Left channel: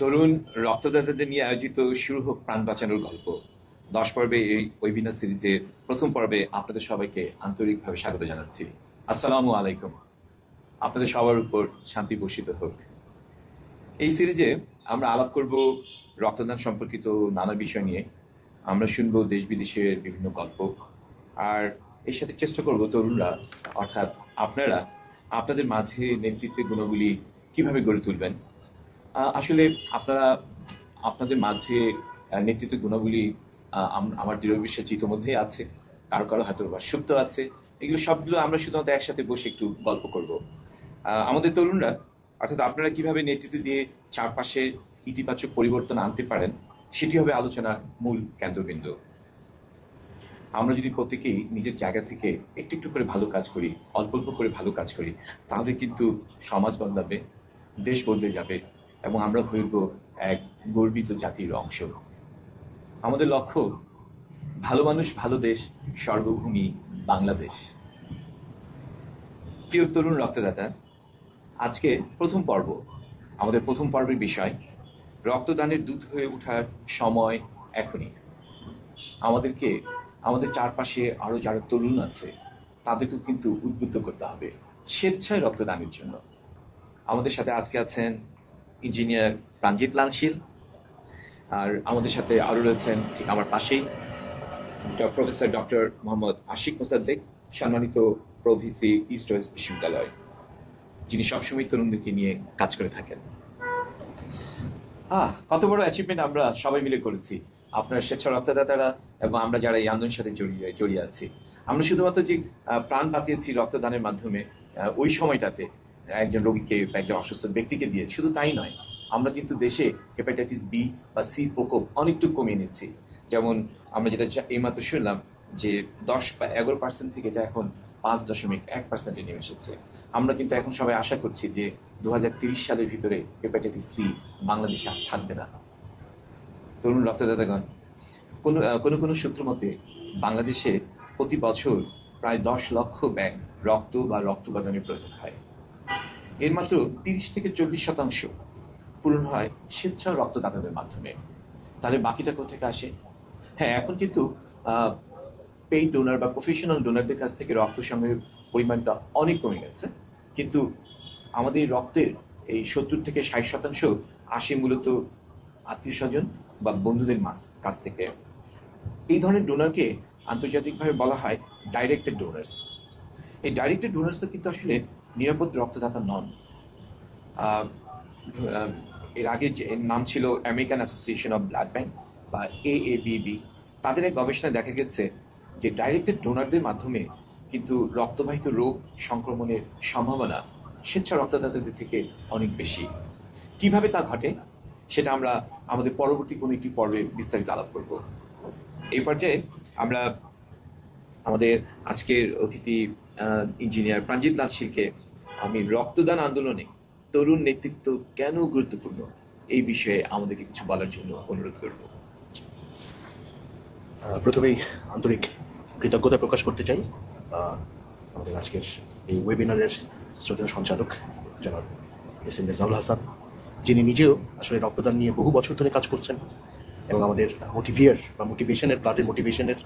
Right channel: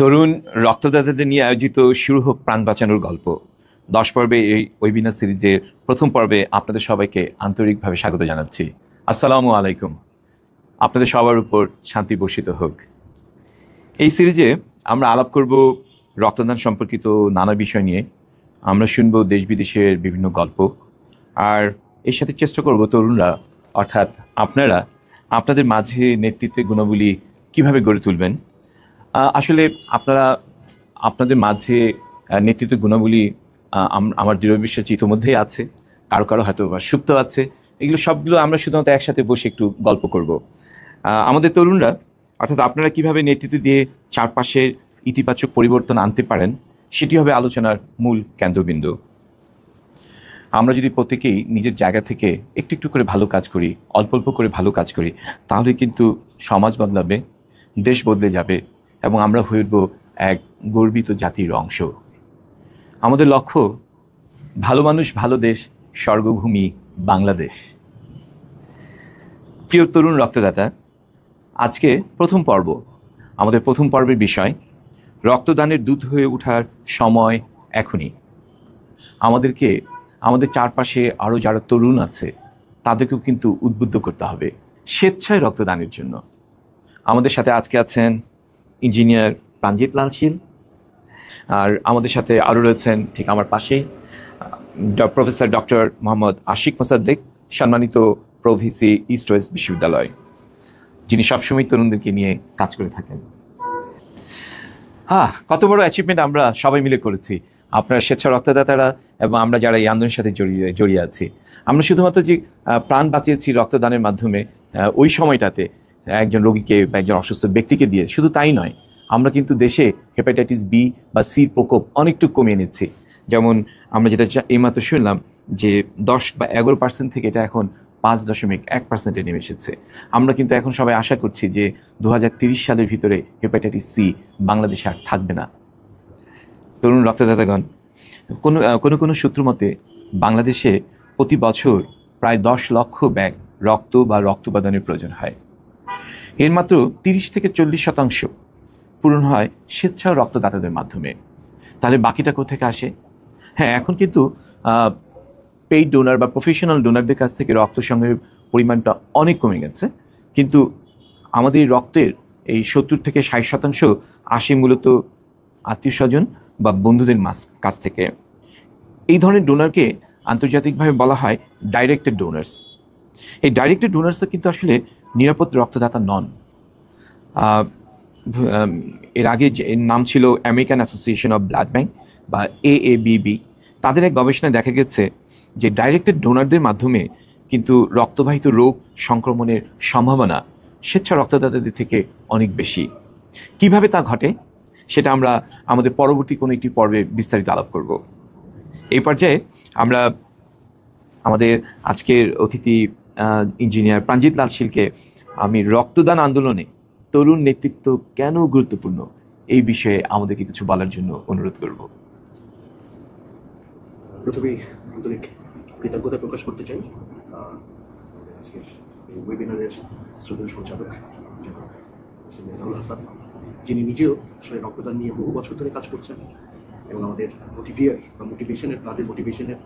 তরুণ রক্তদাতাদের নিয়ে আয়োজিত শুরু হোক প্রাণ বাঁচানোর গল্প 10 পর্বে এই ওয়েবিনার সিরিজের প্রথম পর্বে আপনাদের সবাইকে আন্তরিকভাবে স্বাগত জানাচ্ছি। আসসালামু আলাইকুম। আপনাদের সবার উপর শান্তি বর্ষিত হোক। এই সিরিজে আমরা আলাপ করব রক্তদান সম্পর্কিত নানা বিষয় নিয়ে। আমরা শুনব দেশ বিদেশের বিভিন্ন গল্প, আর এর সাথে চেষ্টা করব তরুণরা অর্থাৎ আপনারা আপনাদের মাঝে নেতৃত্বের গুণাবলী কিভাবে গড়ে তুলবেন। আসলে আপনারা আপনাদের মাঝে নেতৃত্ব গুণাবলী আমার দৃঢ় বিশ্বাস ইতিমধ্যেই আছে, কারো কারো হয়তো বা সুপ্ত আছে। এগুলো সবগুলো আমরা শুধুমাত্র একসাথে বসে একটু গল্প করব। আমাদের তরুণরা অর্থাৎ আপনারা কিভাবে নেতৃত্ব দিয়ে চারপাশে ইতিবাচক পরিবর্তন আনতে পারেন সেটি হবে আলোচনার মূল কেন্দ্রবিন্দু। আমরা যদি প্রত্যেকেই নিজের জায়গা থেকে একটু একটু করে ভালো কাজ করি, অল্প অল্প করে ভালো কাজ করি, তাহলে কিন্তু সমাজ বদলাবে, দেশ বদলে যাবে এবং আমরা হয়ে উঠব এক গর্বিত জাতির অংশ। আমাদের লক্ষ্য ভালো মানুষ, ভালো দেশ, স্বর্গভূমি বাংলাদেশ। প্রিয় তরুণ রক্তদাতা, আজকে প্রথম পর্ব। আমাদের প্রথম পর্বের বিষয় রক্তদানের দূত হয়ে ওঠার সময় এখনই। আমাদেরকে আমাদের চারপাশে আরও যারা তরুণ আছে তাদেরকেও কিন্তু উদ্বুদ্ধ করতে হবে স্বেচ্ছায় রক্তদানের জন্য। আমাদের সাথে আজকে আছেন ইঞ্জিনিয়ার প্রাণজিৎ লাল শীল, আর আমাদের সাথে আরও রয়েছেন ঠিক আমার পাশেই প্রফেসর ডক্টর মোহাম্মদ আশিক মোসাদ্দেক, সম্মানিত প্রভিসি ইস্ট ওয়েস্ট বিশ্ববিদ্যালয়, যিনি সবসময় তরুণদেরকে নিয়ে কাজ করে থাকেন। কত বড় অ্যাচিভমেন্ট আমরা সবাই মিলে করেছি, আপনার স্বেচ্ছা রক্তদাতারা এবং আমরা যারা এই আন্দোলনের সাথে জড়িয়ে আছি। আমরা শুধুমাত্র যে প্রাণ বাঁচিয়েছি রক্তদানের মাধ্যমে ওই সময়টাতে একজন রোগীকে বা একজন অসুস্থ ব্যক্তিকে দিয়ে, শুধু তাই নয়, আমরা কিন্তু দেশে হেপাটাইটিস বি বা সির প্রকোপ অনেকটুকু কমিয়ে নিচ্ছি। যেমন আমরা যেটা এইমাত্র শুনলাম যে 10 বা 11% থেকে এটা এখন 5.1% নেমে এসেছে। আমরা কিন্তু এখন সবাই আশা করছি যে 2030 সালের ভিতরে হেপাটাইটিস সি বাংলাদেশে আর থাকবে না। তরুণ রক্তদাতাগণ, কোনো সূত্র মতে বাংলাদেশে প্রতি বছর প্রায় 10 লক্ষ ব্যাগ রক্ত বা রক্ত উপাদানের প্রয়োজন হয়। এর মাত্র 30 থেকে 40% পূরণ হয় স্বেচ্ছা রক্তদাতাদের মাধ্যমে। তাহলে বাকিটা কোথেকে আসে? হ্যাঁ, এখন কিন্তু পেইড ডোনার বা প্রফেশনাল ডোনারদের কাছ থেকে রক্ত সংগ্রহের পরিমাণটা অনেক কমে গেছে, কিন্তু আমাদের রক্তের এই 70 থেকে 60% আসে মূলত আত্মীয় স্বজন বা বন্ধুদের কাছ থেকে। এই ধরনের ডোনারকে আন্তর্জাতিকভাবে বলা হয় ডাইরেক্টেড ডোনার্স। এই ডাইরেক্টেড ডোনার্সও কিন্তু আসলে নিরাপদ রক্তদাতা নন। এর আগে যে নাম ছিল American association of blood bank বা AABB। তাদের এক গবেষণায় দেখা গেছে যে ডাইরেক্টেড ডোনারদের মাধ্যমে কিন্তু রক্তবাহিত রোগ সংক্রমণের সম্ভাবনা স্বেচ্ছা রক্তদাতাদের থেকে অনেক বেশি। কিভাবে তা ঘটে সেটা আমরা আমাদের পরবর্তী কোনো একটি পর্বে বিস্তারিত আলাপ করব। এই পর্যায়ে আমরা আমাদের আজকের অতিথি ইঞ্জিনিয়ার প্রাণজিৎ লাল শীলকে আমি রক্তদান আন্দোলনে তরুণ নেতৃত্ব কেন গুরুত্বপূর্ণ এই বিষয়ে আমাদেরকে কিছু বলার জন্য অনুরোধ করব। প্রথমেই আন্তরিক কৃতজ্ঞতা প্রকাশ করতে চাই আমাদের আজকের এই ওয়েবিনারের শ্রদ্ধেয় সঞ্চালক জনাব SM রেজাউল হাসান, যিনি নিজেও আসলে রক্তদান নিয়ে বহু বছর ধরে কাজ করছেন এবং আমাদের মোটিভেশনের ব্লাডের মোটিভেশনের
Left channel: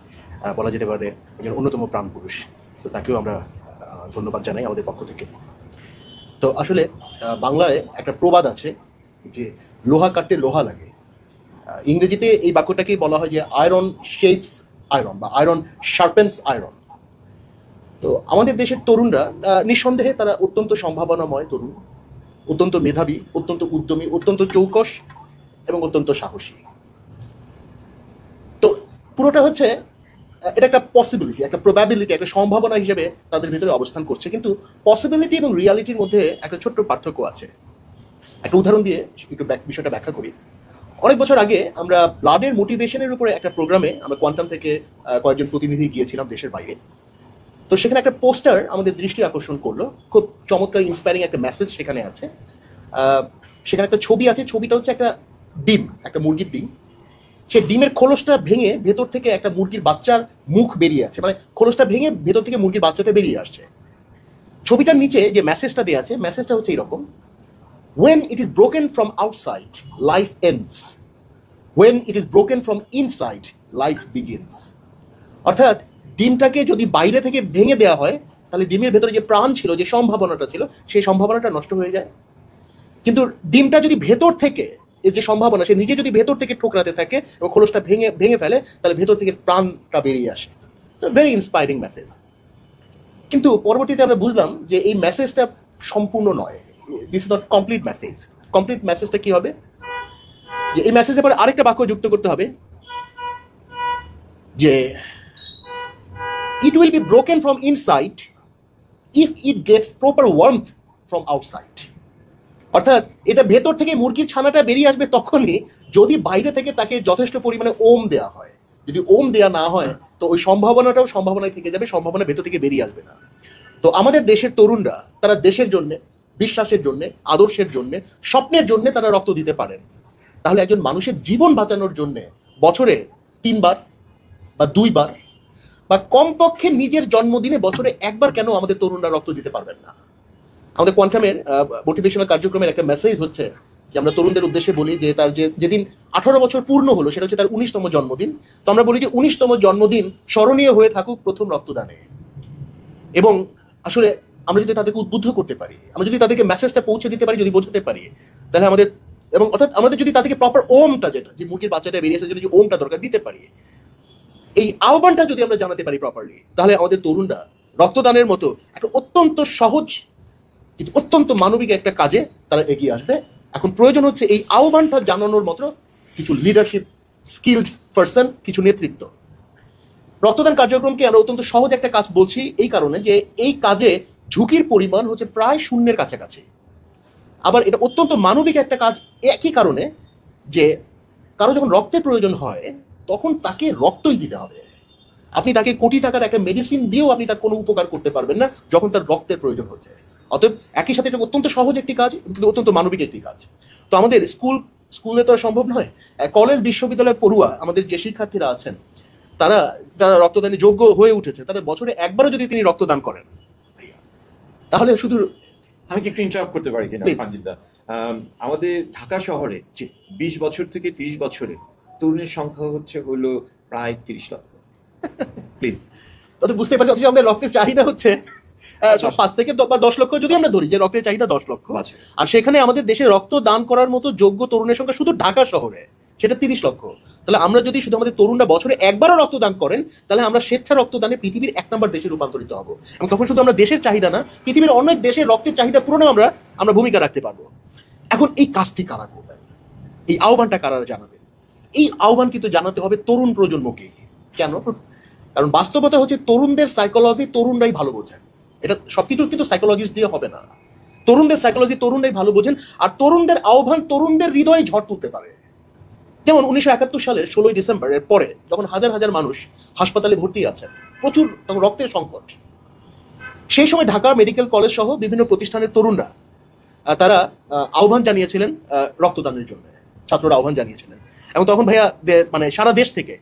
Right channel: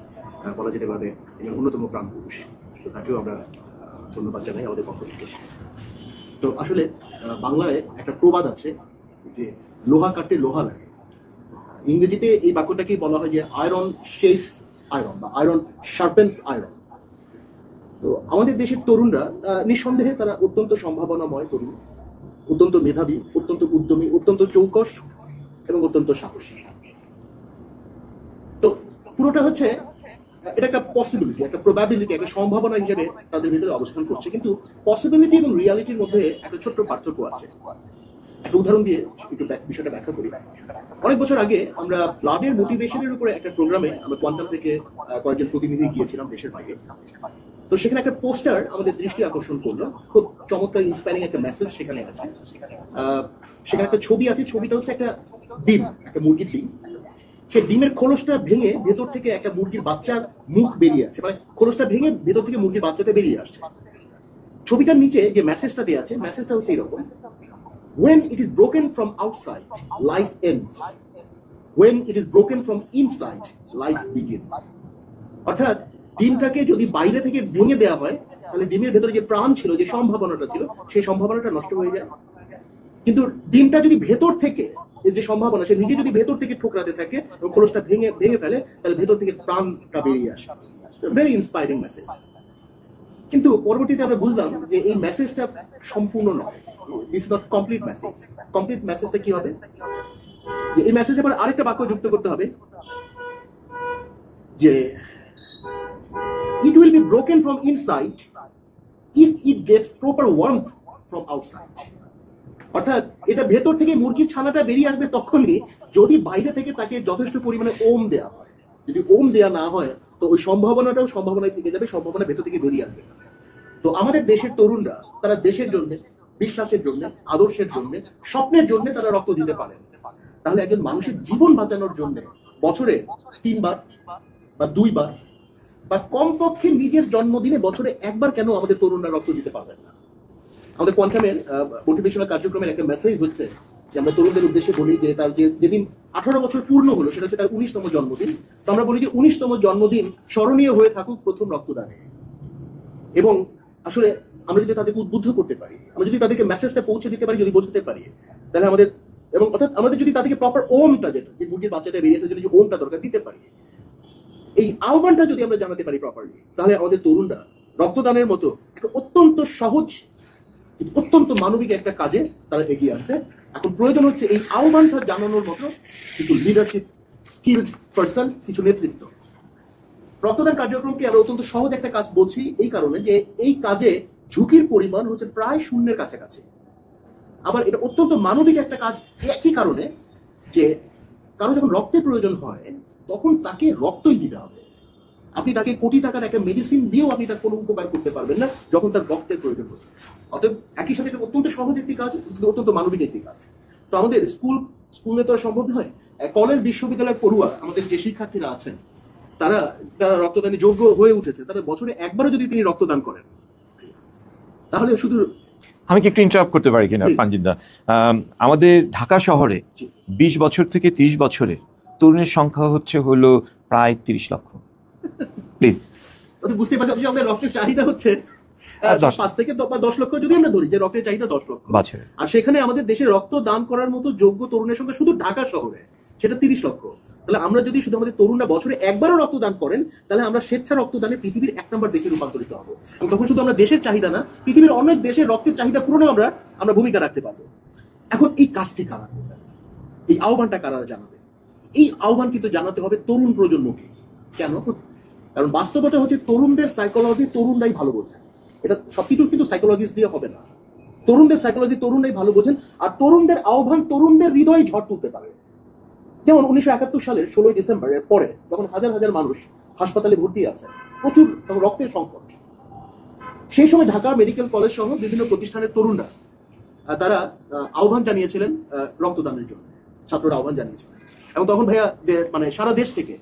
বলা যেতে পারে একজন অন্যতম প্রাণ পুরুষ। তো তাকেও আমরা ধন্যবাদ জানাই আমাদের পক্ষ থেকে। তো আসলে বাংলায় একটা প্রবাদ আছে যে লোহা কাটতে লোহা লাগে। ইংরেজিতে এই বাক্যটাকেই বলা হয় যে আয়রন শেপস আয়রন বা আয়রন শার্পেন্স আয়রন। তো আমাদের দেশের তরুণরা নিঃসন্দেহে তারা অত্যন্ত সম্ভাবনাময় তরুণ, অত্যন্ত মেধাবী, অত্যন্ত উদ্যমী, অত্যন্ত চৌকস এবং অত্যন্ত সাহসী। তো পুরোটা হচ্ছে এটা একটা পসিবিলিটি, একটা প্রবাবিলিটি, একটা সম্ভাবনা হিসেবে তাদের ভিতরে অবস্থান করছে। কিন্তু পসিবিলিটি এবং রিয়ালিটির মধ্যে একটা ছোট্ট পার্থক্য আছে। একটা উদাহরণ দিয়ে একটু বিষয়টা ব্যাখ্যা করি। অনেক বছর আগে আমরা ব্লাডের মোটিভেশনের উপরে একটা প্রোগ্রামে আমরা কোয়ান্টাম থেকে কয়েকজন প্রতিনিধি গিয়েছিলাম দেশের বাইরে। তো সেখানে একটা পোস্টার আমাদের দৃষ্টি আকর্ষণ করলো। খুব চমৎকার ইন্সপায়ারিং একটা মেসেজ সেখানে আছে। সেখানে একটা ছবি আছে, ছবিটা হচ্ছে একটা ডিম, একটা মুরগির ডিম। সে ডিমের খোলসটা ভেঙে ভেতর থেকে একটা মুরগির বাচ্চার মুখ বেরিয়ে আছে, মানে খোলসটা ভেঙে ভেতর থেকে মুরগির বাচ্চাটা বেরিয়ে আসছে। ছবিটার নিচে যে মেসেজটা দেওয়া আছে, মেসেজটা হচ্ছে এরকম When it is broken from outside, life ends. When it is broken from inside, life begins. অর্থাৎ ডিমটাকে যদি বাইরে থেকে ভেঙে দেওয়া হয় তাহলে ডিমের ভেতরে যে প্রাণ ছিল, যে সম্ভাবনাটা ছিল, সেই সম্ভাবনাটা নষ্ট হয়ে যায়। কিন্তু ডিমটা যদি ভেতর থেকে, এর যে সম্ভাবনা, সে নিজে যদি ভেতর থেকে ঠোকরাতে থাকে এবং খোলসটা ভেঙে ফেলে, তাহলে ভেতর থেকে প্রাণটা বেরিয়ে আসে। Very inspiring message. কিন্তু পরবর্তীতে আমরা বুঝলাম যে এই মেসেজটা সম্পূর্ণ নয়, this is not complete message. Complete মেসেজটা কি হবে? যে এই মেসেজে পরে আরেকটা বাক্য যুক্ত করতে হবে যে it will be broken from inside if it gets proper warmth from outside. অর্থাৎ এটা ভেতর থেকে মুরগির ছানাটা বেরিয়ে আসবে তখনই যদি বাইরে থেকে তাকে যথেষ্ট পরিমাণে ওম দেওয়া হয়। যদি ওম দেওয়া না হয় তো ওই সম্ভাবনাটাও সম্ভাবনায় থেকে যাবে, সম্ভাবনা ভেতর থেকে বেরিয়ে আসবে না। তো আমাদের দেশের তরুণরা তারা দেশের জন্য, বিশ্বাসের জন্য, আদর্শের জন্য, স্বপ্নের জন্য তারা রক্ত দিতে পারেন। তাহলে একজন মানুষের জীবন বাঁচানোর জন্য বছরে 3 বার বা 2 বার বা কমপক্ষে নিজের জন্মদিনে বছরে 1 বার কেন আমাদের তরুণরা রক্ত দিতে পারবেন না? আমাদের কোয়ান্টামের মোটিভেশনাল কার্যক্রমের একটা মেসেজ হচ্ছে যে আমরা তরুণদের উদ্দেশ্যে বলি যে তার যেদিন 18 বছর পূর্ণ হলো সেটা হচ্ছে তার 19তম জন্মদিন। তো আমরা বলি যে 19তম জন্মদিন স্মরণীয় হয়ে থাকুক প্রথম রক্তদানে। এবং আসলে আমরা যদি তাদেরকে উদ্বুদ্ধ করতে পারি, আমরা যদি তাদেরকে মেসেজটা পৌঁছে দিতে পারি, যদি বোঝাতে পারি, তাহলে আমাদের, এবং অর্থাৎ আমাদের যদি তাদেরকে প্রপার ওমটা, যেটা যে মুরগির বাচ্চাটা বেরিয়ে আসার জন্য যে ওমটা দরকার দিতে পারি, এই আহ্বানটা যদি আমরা জানাতে পারি প্রপারলি, তাহলে আমাদের তরুণরা রক্তদানের মতো একটা অত্যন্ত সহজ কিন্তু অত্যন্ত মানবিক একটা কাজে তারা এগিয়ে আসবে। এখন প্রয়োজন হচ্ছে এই আহ্বানটা জানানোর মতো কিছু লিডারশিপ স্কিলড পার্সন, কিছু নেতৃত্ব। রক্তদান কার্যক্রমকে আমরা অত্যন্ত সহজ একটা কাজ বলছি এই কারণে যে এই কাজে ঝুঁকির পরিমাণ হচ্ছে প্রায় শূন্যের কাছাকাছি। আবার এটা অত্যন্ত মানবিক একটা কাজ একই কারণে যে কারো যখন রক্তের প্রয়োজন হয় তখন তাকে রক্তই দিতে হবে। আপনি তাকে কোটি টাকার একটা মেডিসিন দিয়েও আপনি তার কোনো উপকার করতে পারবেন না যখন তার রক্তের প্রয়োজন হচ্ছে। অতএব একই সাথে এটা অত্যন্ত সহজ একটি কাজ, কিন্তু অত্যন্ত মানবিক একটি কাজ। তো আমাদের স্কুলে তো সম্ভব নয়, কলেজ বিশ্ববিদ্যালয় পড়ুয়া আমাদের যে শিক্ষার্থীরা আছেন তারা যারা রক্তদানে যোগ্য হয়ে উঠেছে, তারা বছরে একবারও যদি তিনি রক্তদান করেন, তাহলে শুধু আমি কি একটু ইন্টারাপ্ট করতে পারি কিনা পাঞ্জিদা? আমাদের ঢাকা শহরে 20 বছর থেকে 30 বছরে তরুণের সংখ্যা হলো প্রায় 30 লক্ষ। প্লিজ তাদের বুঝতে পারছি অথচ আমাদের রক্তের চাহিদা হচ্ছে 5 থেকে 10 লক্ষ, যদি আমরা ধরি যে রক্তের চাহিদা 10 লক্ষ, আর সেখানে আমাদের দেশে রক্ত দান করার মতো যোগ্য তরুণের সংখ্যা শুধু ঢাকা শহরে সেটা 30 লক্ষ। তাহলে আমরা যদি শুধু আমাদের তরুণরা বছরে একবারও রক্তদান করেন, তাহলে আমরা স্বেচ্ছা রক্তদানে পৃথিবীর 1 নম্বর দেশে রূপান্তরিত হব। এবং তখন শুধু আমরা দেশের চাহিদা না, পৃথিবীর অনেক দেশের রক্তের চাহিদা পূরণে আমরা ভূমিকা রাখতে পারবো। এখন এই কাজটি কারা করবেন? এই আহ্বানটা কারা জানাবেন? এই আহ্বান কিন্তু জানাতে হবে তরুণ প্রজন্মকেই। কেন? কারণ বাস্তবতা হচ্ছে তরুণদের সাইকোলজি তরুণরাই ভালো বোঝেন। এটা সবকিছু কিন্তু সাইকোলজিস্ট দিয়ে হবে না। তরুণদের সাইকোলজি তরুণরাই ভালো বোঝেন, আর তরুণদের আহ্বান তরুণদের হৃদয়ে ঝড় তুলতে পারে। যেমন 1971 সালের 16 ডিসেম্বরের পরে যখন হাজার হাজার মানুষ হাসপাতালে ভর্তি আছেন, প্রচুর তখন রক্তের সংকট, সেই সময় ঢাকা মেডিকেল কলেজ সহ বিভিন্ন প্রতিষ্ঠানের তরুণরা তারা আহ্বান জানিয়েছিলেন রক্তদানের জন্য। ছাত্ররা আহ্বান জানিয়েছিলেন এবং তখন ভাইয়া মানে সারা দেশ থেকে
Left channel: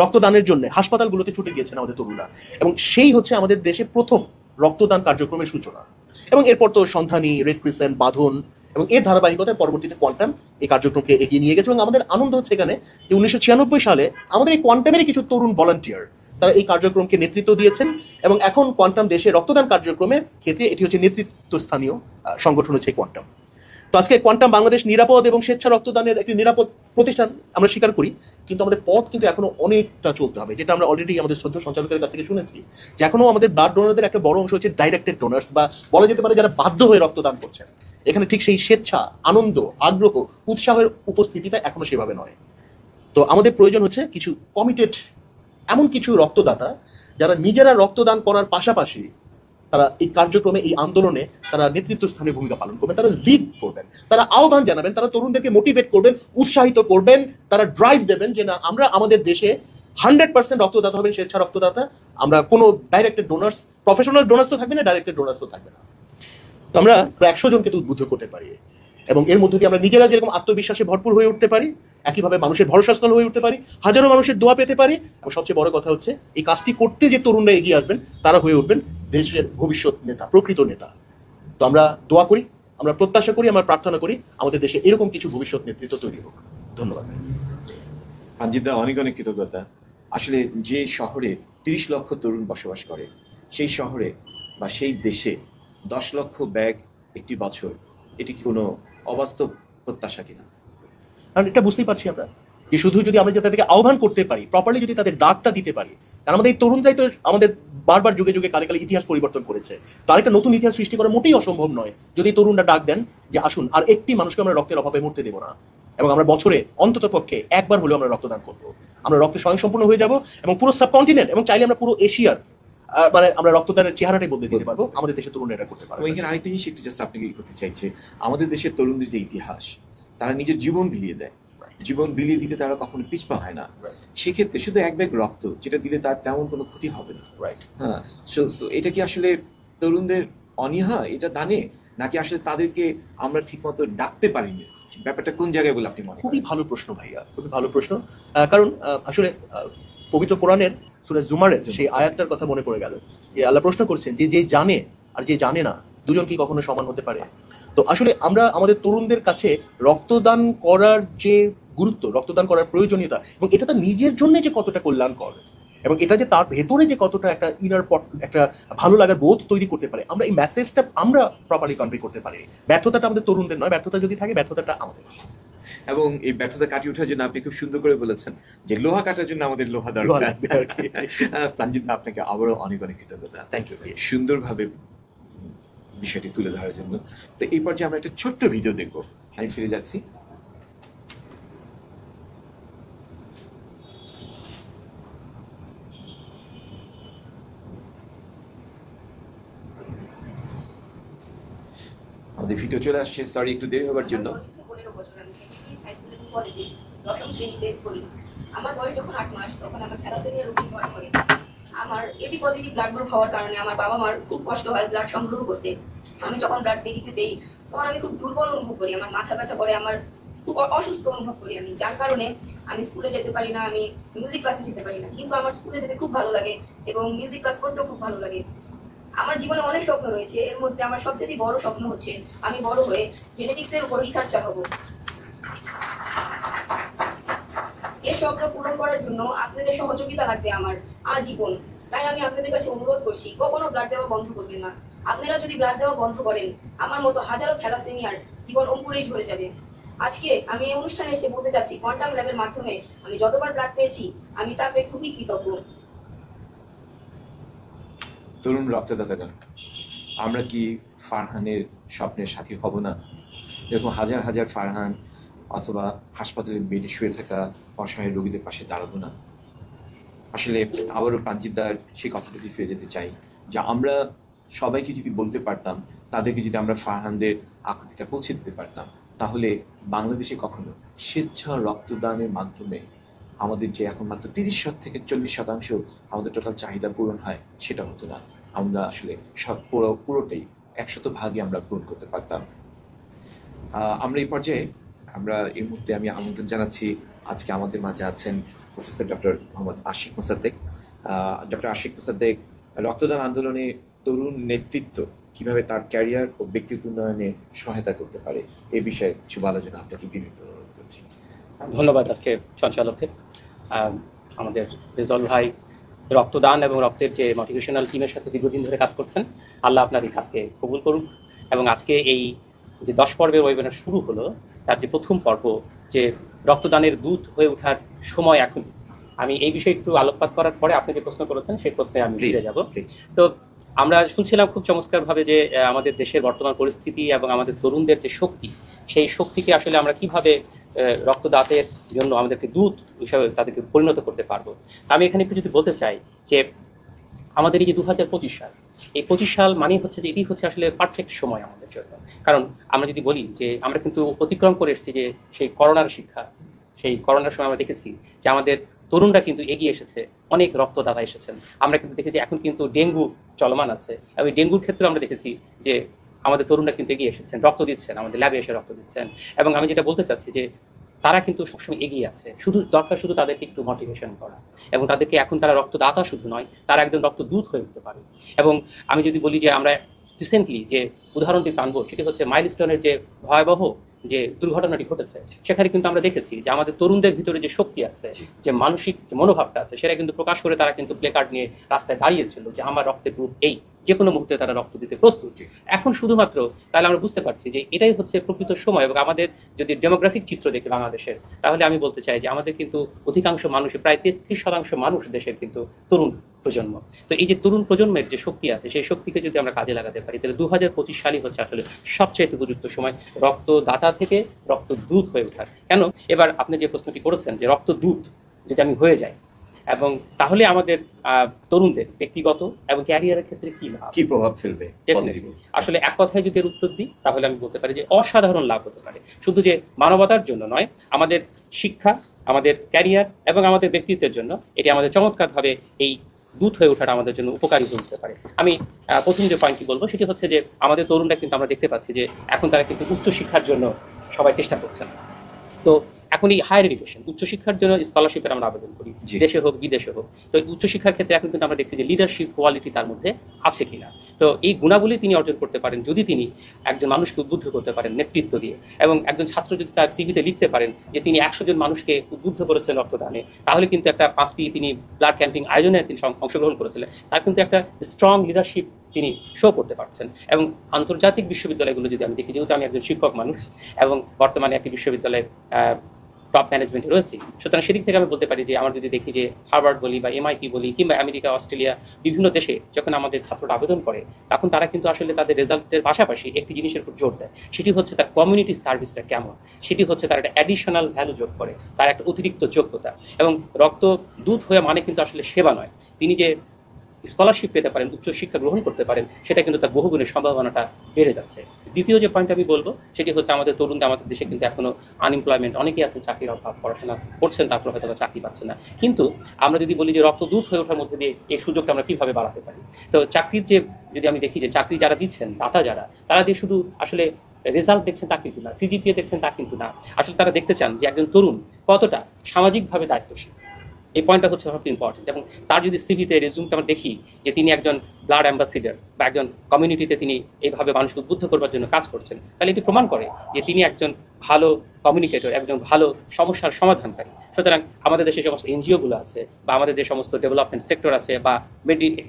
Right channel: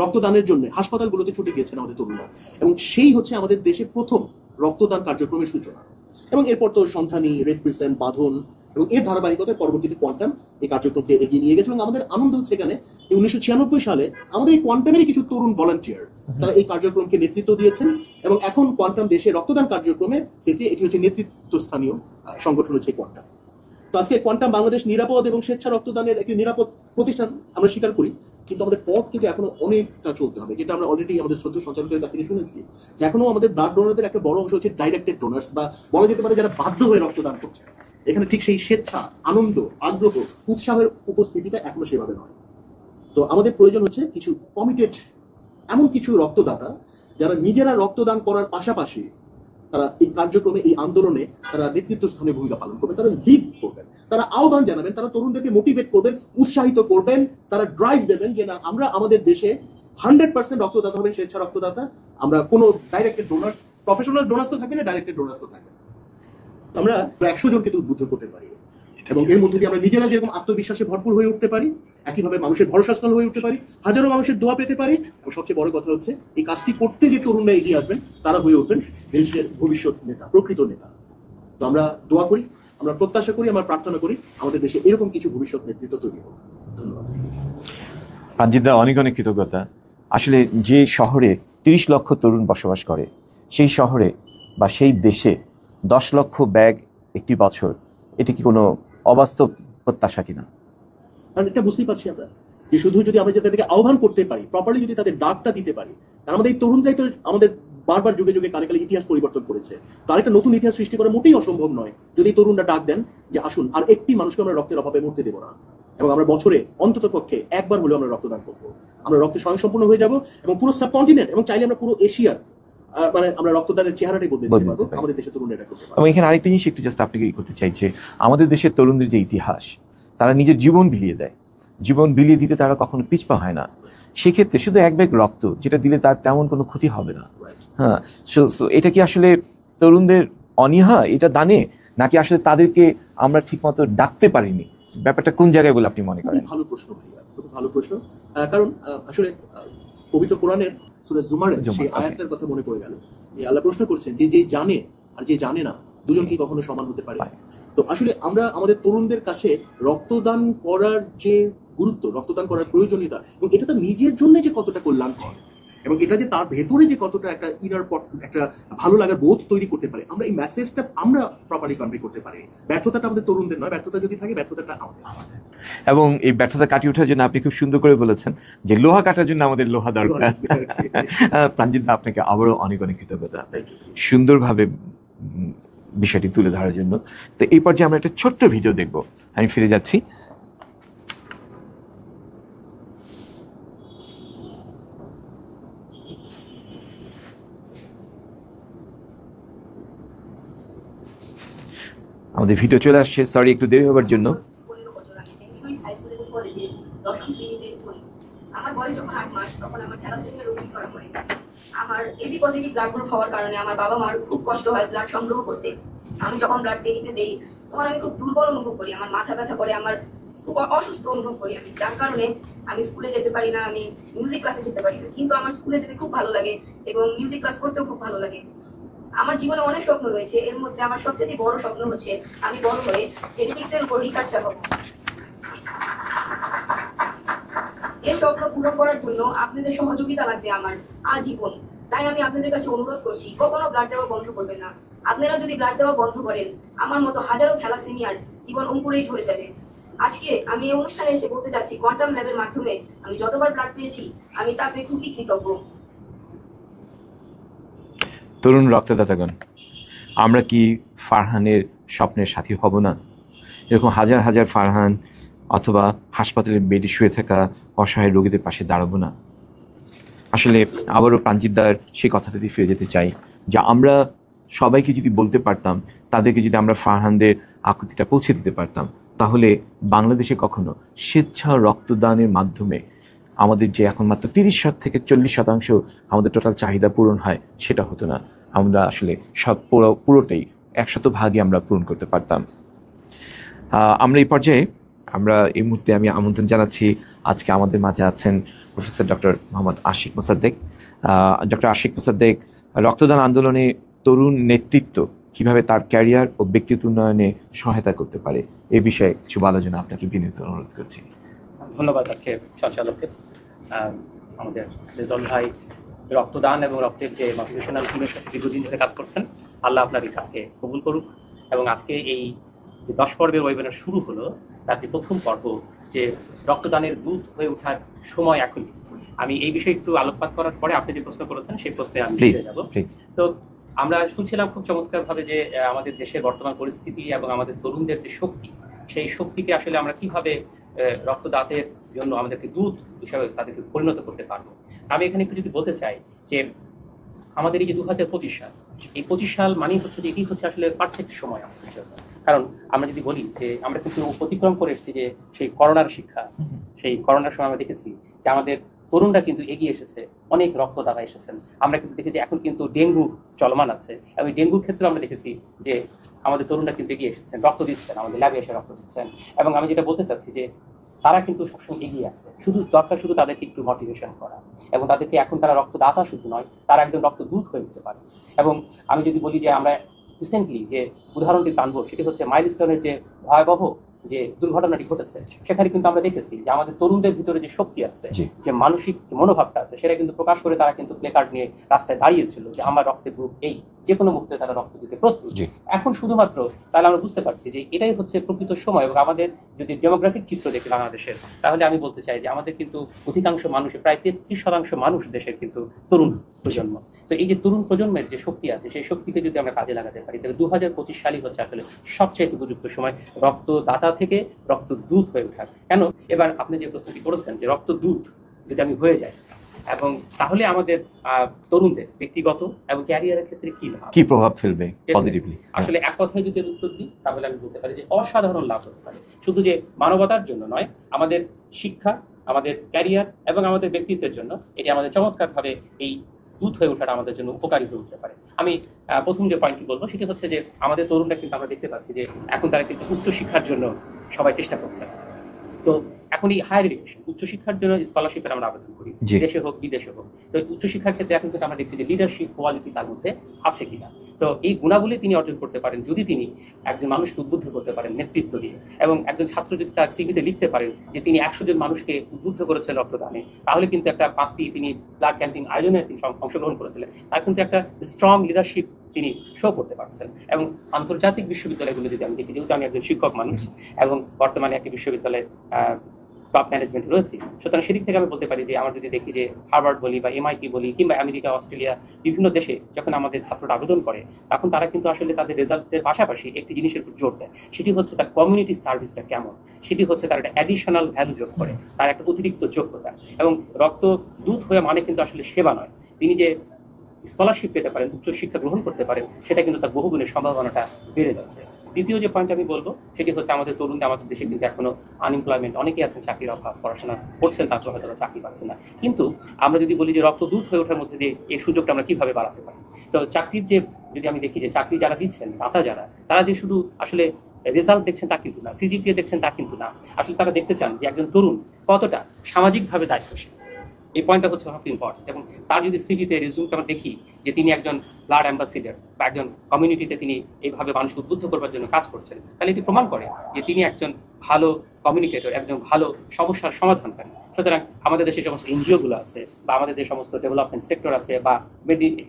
রক্তদানের জন্য হাসপাতালগুলোতে ছুটে গিয়েছেন আমাদের তরুণরা, এবং সেই হচ্ছে আমাদের দেশে প্রথম রক্তদান কার্যক্রমের সূচনা। এবং এরপর তো সন্ধানী, রেড ক্রিসেন্ট, বাঁধন এবং এর ধারাবাহিকতায় পরবর্তীতে কোয়ান্টাম এই কার্যক্রমকে এগিয়ে নিয়ে গেছে। এবং আমাদের আনন্দ হচ্ছে এখানে যে 1996 সালে আমাদের এই কোয়ান্টামেরই কিছু তরুণ ভলান্টিয়ার তারা এই কার্যক্রমকে নেতৃত্ব দিয়েছেন, এবং এখন কোয়ান্টাম দেশে রক্তদান কার্যক্রমের ক্ষেত্রে এটি হচ্ছে নেতৃত্বস্থানীয় সংগঠন হচ্ছে কোয়ান্টাম। তো আজকে কোয়ান্টাম বাংলাদেশ নিরাপদ এবং স্বেচ্ছা রক্তদানের একটি নিরাপদ প্রতিষ্ঠান আমরা স্বীকার করি, কিন্তু আমাদের পথ কিন্তু এখনো অনেকটা চলতে হবে, যেটা আমরা অলরেডি আমাদের শ্রদ্ধেয় সঞ্চালকের কাছ থেকে শুনেছি যে এখনো আমাদের ব্লাড ডোনারদের একটা বড় অংশ হচ্ছে ডাইরেক্টেড ডোনার্স, বা বলা যেতে পারে যারা বাধ্য হয়ে রক্তদান করছেন। এখানে ঠিক সেই স্বেচ্ছা, আনন্দ, আগ্রহ, উৎসাহের উপস্থিতিটা এখনো সেভাবে নয়। তো আমাদের প্রয়োজন হচ্ছে কিছু কমিটেড এমন কিছু রক্তদাতা যারা নিজেরা রক্তদান করার পাশাপাশি তারা এই কার্যক্রমে, এই আন্দোলনে তারা নেতৃত্ব স্থানে ভূমিকা পালন করবেন, তারা লিড করবেন, তারা আহ্বান জানাবেন, তারা তরুণদেরকে মোটিভেট করবেন, উৎসাহিত করবেন, তারা ড্রাইভ দেবেন যে না, আমরা আমাদের দেশে 100% রক্তদাতা হবেন, স্বেচ্ছা রক্তদাতা। আমরা কোনো ডাইরেক্টেড ডোনার্স, প্রফেশনাল ডোনার্স তো থাকবে না, ডাইরেক্টেড ডোনার্স তো থাকবে না। তো আমরা 100 জনকে তো উদ্বুদ্ধ করতে পারি, এবং এর মধ্যে দিয়ে আমরা নিজেরা যেরকম আত্মবিশ্বাসে ভরপুর হয়ে উঠতে পারি, একইভাবে মানুষের ভরসাস্থল হয়ে উঠতে পারি, হাজারো মানুষের দোয়া পেতে পারি, এবং সবচেয়ে বড় কথা হচ্ছে এই কাজটি করতে যে তরুণরা এগিয়ে আসবেন তারা হয়ে উঠবেন দেশের ভবিষ্যৎ নেতা, প্রকৃত নেতা। তো আমরা দোয়া করি আমরা প্রত্যাশা করি, আমরা প্রার্থনা করি আমাদের দেশে এরকম কিছু ভবিষ্যৎ নেতৃত্ব তৈরি হোক। ধন্যবাদ। প্রাঞ্জিত দা, অনেক অনেক কৃতজ্ঞতা। আসলে যে শহরে 30 লক্ষ তরুণ বসবাস করে, সেই শহরে বা সেই দেশে 10 লক্ষ ব্যাগ একটি বছর, এটি কি কোনো অবাস্তব প্রত্যাশা কিনা? কারণ এটা বুঝতেই পারছি আমরা যে শুধু যদি আমরা তাদেরকে আহ্বান করতে পারি, প্রপারলি যদি তাদের ডাকটা দিতে পারি, কারণ আমাদের এই তরুণরাই তো আমাদের বারবার যুগে যুগে কালে কালে ইতিহাস পরিবর্তন করেছে। তার একটা নতুন ইতিহাস সৃষ্টি করা মোটেই অসম্ভব নয় যদি তরুণরা ডাক দেন যে আসুন, আর একটি মানুষকে আমরা রক্তের অভাবে মরতে দেবো না, এবং আমরা বছরে অন্তত পক্ষে একবার হলেও আমরা রক্তদান করবো। আমরা রক্তে স্বয়ংসম্পূর্ণ হয়ে যাব এবং পুরো সাবকন্টিনেন্ট এবং চাইলে আমরা পুরো এশিয়ার মানে আমরা রক্তদানের চেহারাটাই বদলে দিতে পারবো। আমাদের দেশের তরুণরা এটা করতে পারবে। এবং এখানে আরেকটা জিনিস একটু জাস্ট আপনাকে করতে চাইছে, আমাদের দেশের তরুণদের যে ইতিহাস, তারা নিজের জীবন বিলিয়ে দেয়, জীবন বিলিয়ে দিতে তারা কখনো পিছপা হয় না। সেক্ষেত্রে শুধু এক ব্যাগ রক্ত যেটা দিলে তার তেমন কোনো ক্ষতি হবে না। হ্যাঁ, সো এটা কি আসলে তরুণদের অনীহা এটা দানে, নাকি আসলে তাদেরকে আমরা ঠিকমতো ডাকতে পারিনি? ব্যাপারটা কোন জায়গায় বলে আপনি মনে করেন? খুবই ভালো প্রশ্ন ভাইয়া, খুবই ভালো প্রশ্ন। কারণ আসলে পবিত্র কোরআনের সূরা জুমারের সেই আয়াতটার কথা মনে পড়ে গেল যে আল্লাহ প্রশ্ন করছেন যে যে জানে আর যে জানে না দুজন কি কখনো সমান হতে পারে? তো আসলে আমরা আমাদের তরুণদের কাছে রক্তদান করার যে গুরুত্ব, রক্তদান করার প্রয়োজনীয়তা, এবং এটা তার নিজের জন্য যে কতটা কল্যাণকর, এবং এটা যে তার ভেতরে যে কতটা একটা ইনার একটা ভালো লাগার বোধ তৈরি করতে পারে, আমরা এই মেসেজটা আমরা প্রপারলি কনভে করতে পারি। ব্যর্থতাটা আমাদের তরুণদের নয়, ব্যর্থতা যদি থাকে ব্যর্থতাটা আমাদের। এবং এই ব্যর্থতা কাটিয়ে ওঠার জন্য আপনি খুব সুন্দর করে বলেছেন যে লোহা কাটার জন্য আমাদের লোহা দরকার। প্রাঞ্জিত, আপনাকে আবারও অনেক অনেক কৃতজ্ঞতা সুন্দরভাবে বিষয়টি তুলে ধরার জন্য। তো এই পর্যায়ে আমরা একটা ছোট্ট ভিডিও দেখব। আমি ফিরে যাচ্ছি। আমাদের ভিডিও চলে আসছে, সরি একটু দেরি হওয়ার জন্য। আমার বয়স যখন 8 মাস তখন আমার থ্যালাসেমিয়া রোগী ধরা পড়ে। আমার এবি পজিটিভ ব্লাড গ্রুপ হওয়ার কারণে আমার বাবা মার খুব কষ্ট হয় ব্লাড সংগ্রহ করতে। আমি যখন ব্লাড দেরিতে দেই তখন আমি খুব দুর্বল অনুভব করি, আমার মাথা ব্যথা করে, আমার খুব অসুস্থ অনুভব করি আমি, যার কারণে আমি স্কুলে যেতে পারি না, আমি মিউজিক ক্লাসে যেতে পারি না। কিন্তু আমার স্কুলে যেতে খুব ভালো লাগে এবং মিউজিক ক্লাস করতেও খুব ভালো লাগে। আমার জীবনে অনেক স্বপ্ন রয়েছে, এর মধ্যে আমার সবচেয়ে বড় স্বপ্ন হচ্ছে আমি বড় হয়ে জেনেটিক্সের উপর রিসার্চার হব। এই স্বপ্ন পূরণ করার জন্য আপনাদের সহযোগিতা লাগবে আমার আজীবন। তাই আমি আপনাদের কাছে অনুরোধ করছি, কখনো ব্লাড দেওয়া বন্ধ করবেন না। আপনারা যদি ব্লাড দেওয়া বন্ধ করেন, আমার মতো হাজারো থ্যালাসেমিয়ার জীবন অঙ্কুরেই ঝরে যাবে। আজকে আমি এই অনুষ্ঠানে এসে বলতে চাচ্ছি, কোয়ান্টাম ল্যাবের মাধ্যমে আমি যতবার ব্লাড পেয়েছি আমি তা পেয়ে খুবই কৃতজ্ঞ। তরুণ রক্তদাতাগণ, আমরা কি ফারহানের স্বপ্নের সাথী হব না? এরকম হাজার হাজার ফারহান অথবা হাসপাতালের বেডে শুয়ে থাকা অসহায় রোগীদের পাশে দাঁড়াবো না? আসলে আবারও প্রাঞ্জিতদার সেই কথাটাতে ফিরে যেতে চাই যে আমরা সবাইকে যদি বলতে পারতাম, তাদেরকে যদি আমরা ফারহানদের আকুতিটা পৌঁছে দিতে পারতাম, তাহলে বাংলাদেশে কখনো স্বেচ্ছা রক্তদানের মাধ্যমে আমাদের যে এখন মাত্র 30 থেকে 40% আমাদের টোটাল চাহিদা পূরণ হয়, সেটা হতো না। আমরা আসলে সব পুরোটাই 100% আমরা পূরণ করতে পারতাম। আমরা এই পর্যায়ে এই মুহূর্তে আমি আমন্ত্রণ জানাচ্ছি, আজকে আমাদের মাঝে আছেন professor doctor Mohammad Ashik Mosaddek. Doctor Ashik Mosaddek রক্তদান আন্দোলনে তরুণ নেতৃত্ব কিভাবে তার ক্যারিয়ার ও ব্যক্তিত্ব উন্নয়নে সহায়তা করতে পারে, এ বিষয়ে কিছু বলার জন্য আপনাকে বিনীত অনুরোধ করছি। ধন্যবাদ আজকে সঞ্চালককে। আমাদের রেজল ভাই রক্তদান এবং রক্তের যে মোটিভেশনাল টিমের সাথে দীর্ঘদিন ধরে কাজ করছেন, আল্লাহ আপনার এই কাজকে কবুল করুক। এবং আজকে এই যে 10 পর্বের ওয়েবিনার শুরু হলো, তার যে প্রথম পর্ব, যে রক্তদানের দূত হয়ে ওঠার সময় এখন, আমি এই বিষয়ে একটু আলোকপাত করার পরে আপনি যে প্রশ্ন করেছেন সেই প্রশ্নে আমি ফিরে যাব। তো আমরা শুনছিলাম খুব চমৎকারভাবে যে আমাদের দেশের বর্তমান পরিস্থিতি এবং আমাদের তরুণদের যে শক্তি, সেই শক্তিকে আসলে আমরা কিভাবে রক্তদাতের জন্য আমাদেরকে দূত হিসাবে তাদেরকে পরিণত করতে পারবো। আমি এখানে একটু যদি বলতে চাই যে আমাদের এই যে 2025 সাল, এই 25 সাল মানে হচ্ছে যে এটি হচ্ছে আসলে পারফেক্ট সময় আমাদের জন্য। কারণ আমরা যদি বলি যে আমরা কিন্তু অতিক্রম করে এসেছি যে সেই করোনার শিক্ষা, সেই করোনার সময় আমরা দেখেছি যে আমাদের তরুণরা কিন্তু এগিয়ে এসেছে, অনেক রক্তদাতা এসেছেন। আমরা কিন্তু দেখেছি এখন কিন্তু ডেঙ্গু চলমান আছে, এবং ডেঙ্গুর ক্ষেত্রে আমরা দেখেছি যে আমাদের তরুণরা কিন্তু এগিয়ে এসেছেন, রক্ত দিচ্ছেন, আমাদের ল্যাবে এসে রক্ত দিচ্ছেন। এবং আমি যেটা বলতে চাচ্ছি যে তারা কিন্তু সবসময় এগিয়ে আছে, শুধু দরকার শুধু তাদেরকে একটু মোটিভেশন করা, এবং তাদেরকে এখন তারা রক্তদাতা শুধু নয়, তারা একজন রক্তদূত হয়ে উঠতে পারে। এবং আমি যদি বলি যে আমরা রিসেন্টলি যে উদাহরণটি টানবো সেটি হচ্ছে মাইলস্টোনের যে ভয়াবহ যে দুর্ঘটনাটি ঘটেছে, সেখানে কিন্তু আমরা দেখেছি যে আমাদের তরুণদের ভিতরে যে শক্তি আছে, যে মানসিক যে মনোভাবটা আছে, সেটা কিন্তু প্রকাশ করে তারা কিন্তু প্লেকার্ড নিয়ে রাস্তায় দাঁড়িয়েছিল যে আমার রক্তের গ্রুপ এই, যে কোনো মুহূর্তে তারা রক্ত দিতে প্রস্তুত। এখন শুধুমাত্র তাহলে আমরা বুঝতে পারছি যে এটাই হচ্ছে প্রকৃত সময়। এবং আমাদের যদি ডেমোগ্রাফিক চিত্র দেখি বাংলাদেশের, তাহলে আমি বলতে চাই যে আমাদের কিন্তু অধিকাংশ মানুষের প্রায় 33% মানুষ দেশের কিন্তু তরুণ প্রজন্ম। তো এই যে তরুণ প্রজন্মের যে শক্তি আছে, সেই শক্তিকে যদি আমরা কাজে লাগাতে পারি, তাহলে 2025 সালই হচ্ছে আসলে সবচেয়ে উপযুক্ত সময় রক্তদাতা থেকে রক্তদূত হয়ে ওঠার। কেন, এবার আপনি যে প্রশ্নটি করেছেন যে রক্তদূত যদি আমি হয়ে যাই, এবং তাহলে আমাদের তরুণদের ব্যক্তিগত এবং ক্যারিয়ারের ক্ষেত্রে কি লাভ, কি প্রভাব ফেলবে পজিটিভলি? আসলে এক কথায় যদি এর উত্তর দিই, তাহলে আমি বলতে পারি যে অসাধারণ লাভ হতে পারে। শুধু যে মানবতার জন্য নয়, আমাদের শিক্ষা, আমাদের ক্যারিয়ার এবং আমাদের ব্যক্তিত্বের জন্য এটি আমাদের চমৎকারভাবে এই দূত হয়ে ওঠাটা আমাদের জন্য উপকারী হতে পারে। আমি প্রথম যে পয়েন্টটি বলবো সেটি হচ্ছে যে আমাদের তরুণরা কিন্তু আমরা দেখতে পাচ্ছি যে এখন তারা কিন্তু উচ্চশিক্ষার জন্য সবাই চেষ্টা করছেন। তো এখন এই হায়ার এডুকেশন, উচ্চশিক্ষার জন্য স্কলারশিপের আমরা আবেদন করি, দেশে হোক বিদেশে হোক। তো উচ্চশিক্ষার ক্ষেত্রে এখন কিন্তু আমরা দেখছি যে লিডারশিপ কোয়ালিটি তার মধ্যে আছে কিনা। তো এই গুণাবলী তিনি অর্জন করতে পারেন যদি তিনি একজন মানুষকে উদ্বুদ্ধ করতে পারেন নেতৃত্ব দিয়ে। এবং একজন ছাত্র যদি তার সিভিতে লিখতে পারেন যে তিনি 100 জন মানুষকে উদ্বুদ্ধ করেছেন রক্তদানে, তাহলে কিন্তু একটা 5টি তিনি ব্লাড ক্যাম্পিং আয়োজনে তিনি অংশগ্রহণ করেছিলেন, তার কিন্তু একটা স্ট্রং লিডারশিপ তিনি শো করতে পারছেন। এবং আন্তর্জাতিক বিশ্ববিদ্যালয়গুলো যদি আমি দেখি, যেহেতু আমি একজন শিক্ষক মানুষ এবং বর্তমানে একটি বিশ্ববিদ্যালয়ে টপ ম্যানেজমেন্টে রয়েছি, সুতরাং সেদিক থেকে আমি বলতে পারি যে আমার যদি দেখি যে হার্ভার্ড বলি বা MIT বলি কিংবা আমেরিকা, অস্ট্রেলিয়া, বিভিন্ন দেশে যখন আমাদের ছাত্ররা আবেদন করে, তখন তারা কিন্তু আসলে তাদের রেজাল্টের পাশাপাশি একটি জিনিসের উপর জোর দেয়, সেটি হচ্ছে তার কমিউনিটি সার্ভিসটা কেমন, সেটি হচ্ছে তার একটা অ্যাডিশনাল ভ্যালু যোগ করে, তার একটা অতিরিক্ত যোগ্যতা। এবং রক্তদূত হয়ে মানে কিন্তু আসলে সেবা নয়, তিনি যে স্কলারশিপ পেতে পারেন, উচ্চশিক্ষা গ্রহণ করতে পারেন, সেটা কিন্তু তার বহুগুণের সম্ভাবনাটা বেড়ে যাচ্ছে। দ্বিতীয় যে পয়েন্ট আমি বলবো সেটি হচ্ছে আমাদের তরুণদের, আমাদের দেশে কিন্তু এখনো আনএমপ্লয়মেন্ট, অনেকেই আছেন চাকরির অভাব, পড়াশোনা করছেন তারপর হয়তো চাকরি পাচ্ছেন না। কিন্তু আমরা যদি বলি যে রক্তদূত হয়ে ওঠার মধ্যে দিয়ে এই সুযোগটা আমরা কিভাবে বাড়াতে পারি, তো চাকরির যে যদি আমি দেখি যে চাকরি যারা দিচ্ছেন, দাতা যারা, তারা যে শুধু আসলে রেজাল্ট দেখছেন তা কিন্তু না, CGPA দেখছেন তা কিন্তু না, আসলে তারা দেখতে চান যে একজন তরুণ কতটা সামাজিকভাবে দায়িত্বশীল। এই পয়েন্টটা হচ্ছে সবচেয়ে ইম্পর্টেন্ট। এবং তার যদি সিভিতে রেজুমটা আমরা দেখি যে তিনি একজন ব্লাড অ্যাম্বাসিডার বা একজন কমিউনিটিতে তিনি এইভাবে মানুষকে উদ্বুদ্ধ করবার জন্য কাজ করছেন, তাহলে এটি প্রমাণ করে যে তিনি একজন ভালো কমিউনিকেটর, একজন ভালো সমস্যার সমাধানকারী। সুতরাং আমাদের দেশে যে সমস্ত NGO-গুলো আছে বা আমাদের যে সমস্ত ডেভেলপমেন্ট সেক্টর আছে বা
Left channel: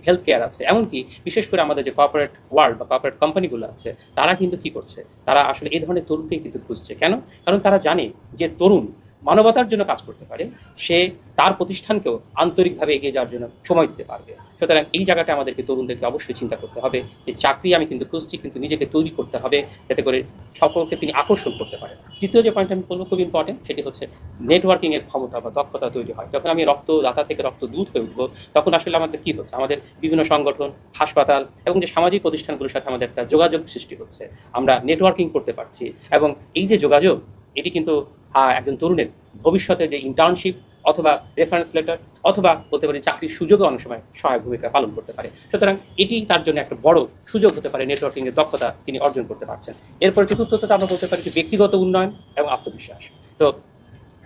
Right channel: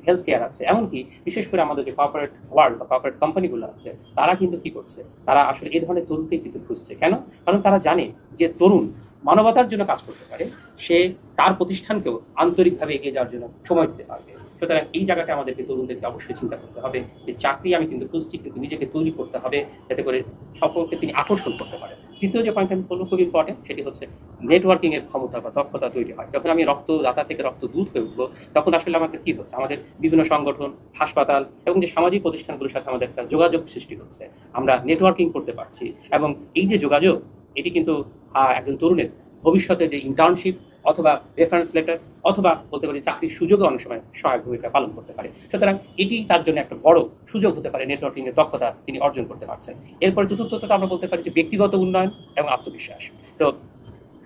হেলথ কেয়ার আছে, এমনকি বিশেষ করে আমাদের যে কর্পোরেট ওয়ার্ল্ড বা কর্পোরেট কোম্পানিগুলো আছে, তারা কিন্তু কি করছে, তারা আসলে এই ধরনের তরুণকেই কিন্তু খুঁজছে। কেন? কারণ তারা জানে যে তরুণ মানবতার জন্য কাজ করতে পারে, সে তার প্রতিষ্ঠানকেও আন্তরিকভাবে এগিয়ে যাওয়ার জন্য সময় দিতে পারবে। সুতরাং এই জায়গাটা আমাদেরকে তরুণদেরকে অবশ্যই চিন্তা করতে হবে যে চাকরি আমি কিন্তু খুঁজছি, কিন্তু নিজেকে তৈরি করতে হবে যাতে করে সকলকে তিনি আকর্ষণ করতে পারেন। তৃতীয় যে পয়েন্ট আমি বলবো খুব ইম্পর্টেন্ট, সেটি হচ্ছে নেটওয়ার্কিং এর ক্ষমতা বা দক্ষতা তৈরি হয়। যখন আমি রক্তদাতা থেকে রক্তদূত হয়ে উঠবো, তখন আসলে আমাদের কি হচ্ছে, আমাদের বিভিন্ন সংগঠন, হাসপাতাল এবং যে সামাজিক প্রতিষ্ঠানগুলোর সাথে আমাদের একটা যোগাযোগ সৃষ্টি হচ্ছে, আমরা নেটওয়ার্কিং করতে পারছি। এবং এই যে যোগাযোগ, এটি কিন্তু একজন তরুণের ভবিষ্যতে যে ইন্টার্নশিপ অথবা রেফারেন্স লেটার অথবা বলতে পারি চাকরির সুযোগও অনেক সময় সহায়ক ভূমিকা পালন করতে পারে। সুতরাং এটি তার জন্য একটা বড় সুযোগ হতে পারে, নেটওয়ার্কিং এর দক্ষতা তিনি অর্জন করতে পারছেন। এরপর চতুর্থটা আমরা বলতে পারি যে ব্যক্তিগত উন্নয়ন এবং আত্মবিশ্বাস। তো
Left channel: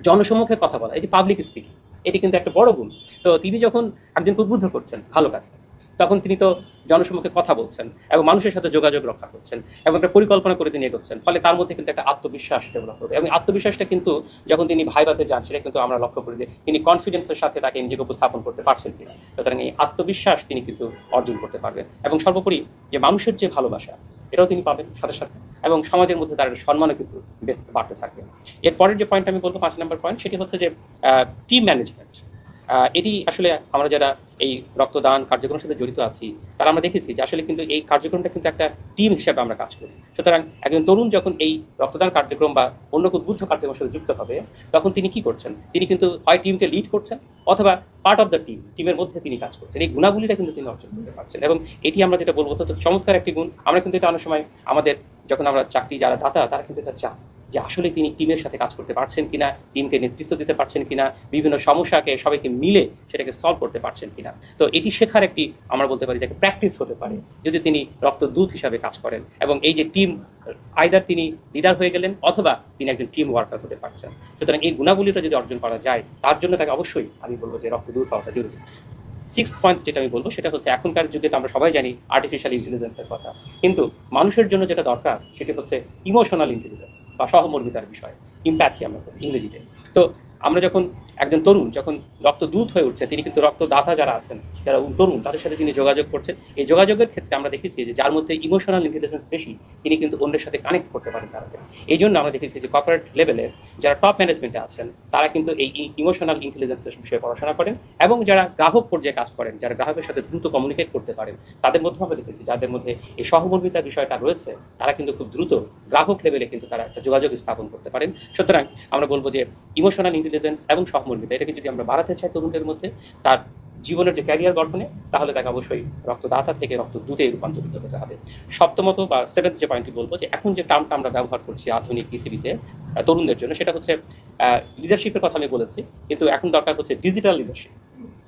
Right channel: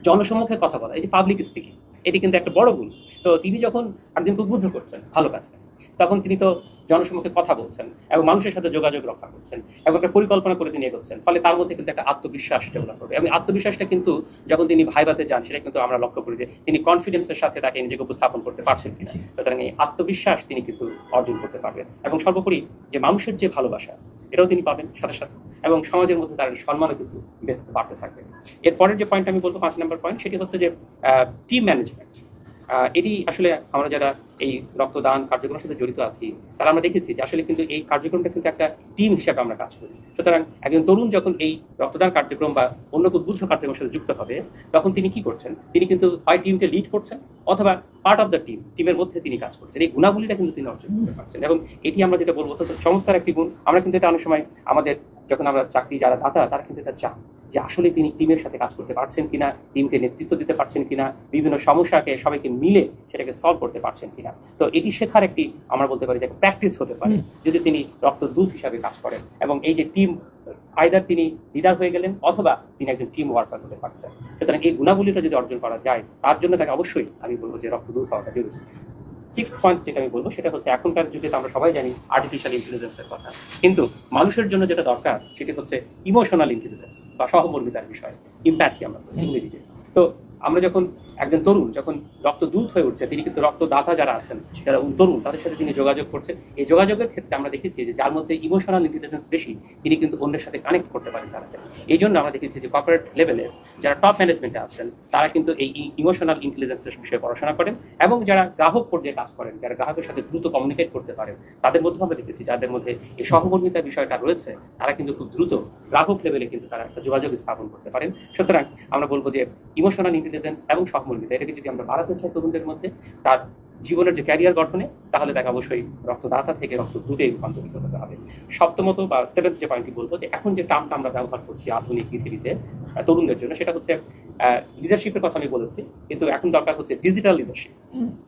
জনসম্মুখে কথা বলা, এই যে পাবলিক স্পিকিং, এটি কিন্তু একটা বড় গুণ। তো তিনি যখন একজনকে উদ্বুদ্ধ করছেন ভালো কাজে, তখন তিনি তো জনসম্মুখে কথা বলছেন এবং মানুষের সাথে যোগাযোগ রক্ষা করছেন এবং একটা পরিকল্পনা করে তিনি এগোচ্ছেন, ফলে তার মধ্যে কিন্তু একটা আত্মবিশ্বাস ডেভেলপ হবে। এবং আত্মবিশ্বাসটা কিন্তু যখন তিনি ভাইভাতে যান, সেটা কিন্তু আমরা লক্ষ্য করি যে তিনি কনফিডেন্সের সাথে তাকে নিজেকে উপস্থাপন করতে পারছেন কিনা। সুতরাং এই আত্মবিশ্বাস তিনি কিন্তু অর্জন করতে পারবেন। এবং সর্বোপরি যে মানুষের যে ভালোবাসা, এটাও তিনি পাবেন সাথে সাথে, এবং সমাজের মধ্যে তার সম্মানও কিন্তু বাড়তে থাকবে। এরপরের যে পয়েন্ট আমি বলবো 5 নম্বর পয়েন্ট, সেটি হচ্ছে যে টিম ম্যানেজমেন্ট। এটি আসলে আমরা যারা এই রক্তদান কার্যক্রমের সাথে জড়িত আছি, তারা আমরা দেখেছি যে আসলে কিন্তু এই কার্যক্রমটা কিন্তু একটা টিম হিসাবে আমরা কাজ করি। সুতরাং একজন তরুণ যখন এই রক্তদান কার্যক্রম বা অন্য উদ্বুদ্ধ কার্যক্রমের সাথে যুক্ত হবে, তখন তিনি কি করছেন, তিনি কিন্তু হয় টিমকে লিড করছেন অথবা পার্ট অফ দ্য টিম, টিমের মধ্যে তিনি কাজ করছেন। এই গুণাবলীটা কিন্তু তিনি অর্জন করতে পারছেন। এবং এটি আমরা যেটা বলবো অত্যন্ত চমৎকার একটি গুণ। আমরা কিন্তু এটা অনেক সময় আমাদের যখন আমরা চাকরি যারা দাতা, তারা কিন্তু এটা চান যে আসলে তিনি টিমের সাথে কাজ করতে পারছেন কিনা, টিমকে নেতৃত্ব দিতে পারছেন কিনা, বিভিন্ন সমস্যাকে সবাইকে মিলে সেটাকে সলভ করতে পারছেন কিনা। তো এটি শেখার একটি আমরা বলতে পারি যে প্র্যাকটিস হতে পারে যদি তিনি রক্তদূত হিসাবে কাজ করেন। এবং এই যে টিম, আইদার তিনি লিডার হয়ে গেলেন অথবা তিনি একজন টিম ওয়ার্কার হতে পারছেন। সুতরাং এই গুণাবলীটা যদি অর্জন করা যায়, তার জন্য তাকে অবশ্যই আমি বলবো যে রক্তদূত হওয়াটা জরুরি। সিক্স পয়েন্ট যেটা আমি বলবো সেটা হচ্ছে এখনকার যুগে তো আমরা সবাই জানি আর্টিফিশিয়াল ইন্টেলিজেন্সের কথা, কিন্তু মানুষের জন্য যেটা দরকার সেটা হচ্ছে ইমোশনাল ইন্টেলিজেন্স বা সহমর্মিতার বিষয়, ইম্প্যাথি আমরা বলি ইংরেজিতে। তো আমরা যখন একজন তরুণ যখন রক্তদূত হয়ে উঠছে, তিনি কিন্তু রক্তদাতা যারা আছেন, যারা তরুণ, তাদের সাথে তিনি যোগাযোগ করছে। এই যোগাযোগের ক্ষেত্রে আমরা দেখেছি যে যার মধ্যে ইমোশনাল ইন্টেলিজেন্স বেশি, তিনি কিন্তু অন্যের সাথে কানেক্ট করতে পারেন তাড়াতাড়ি। এই জন্য আমরা দেখেছি যে কর্পোরেট লেভেলে যারা টপ ম্যানেজমেন্টে আছেন তারা কিন্তু এই ইমোশনাল ইন্টেলিজেন্সের বিষয়ে পড়াশোনা করেন, এবং যারা গ্রাহক পর্যায়ে কাজ করেন, যারা গ্রাহকের সাথে দ্রুত কমিউনিকেট করতে পারেন, তাদের মধ্যে আমরা দেখেছি যাদের মধ্যে এই সহমর্মিতার বিষয়টা রয়েছে, তারা কিন্তু খুব দ্রুত গ্রাহক লেভেলে কিন্তু তারা একটা যোগাযোগ স্থাপন করতে পারেন। সুতরাং আমরা বলবো যে ইমোশনাল ইন্টেলিজেন্স এবং সহমর্মিতা এটাকে যদি আমরা বাড়াতে চাই তরুণদের মধ্যে তার জীবনের যে ক্যারিয়ার গঠনে, তাহলে তাকে অবশ্যই রক্তদাতা থেকে রক্তদূতে রূপান্তরিত হতে হবে। সপ্তমত বা সেভেন্থ যে পয়েন্টটি বলবো, যে এখন যে টার্মটা আমরা ব্যবহার করছি আধুনিক পৃথিবীতে তরুণদের জন্য, সেটা হচ্ছে লিডারশিপের কথা আমি বলেছি, কিন্তু এখন দরকার হচ্ছে ডিজিটাল লিডারশিপ।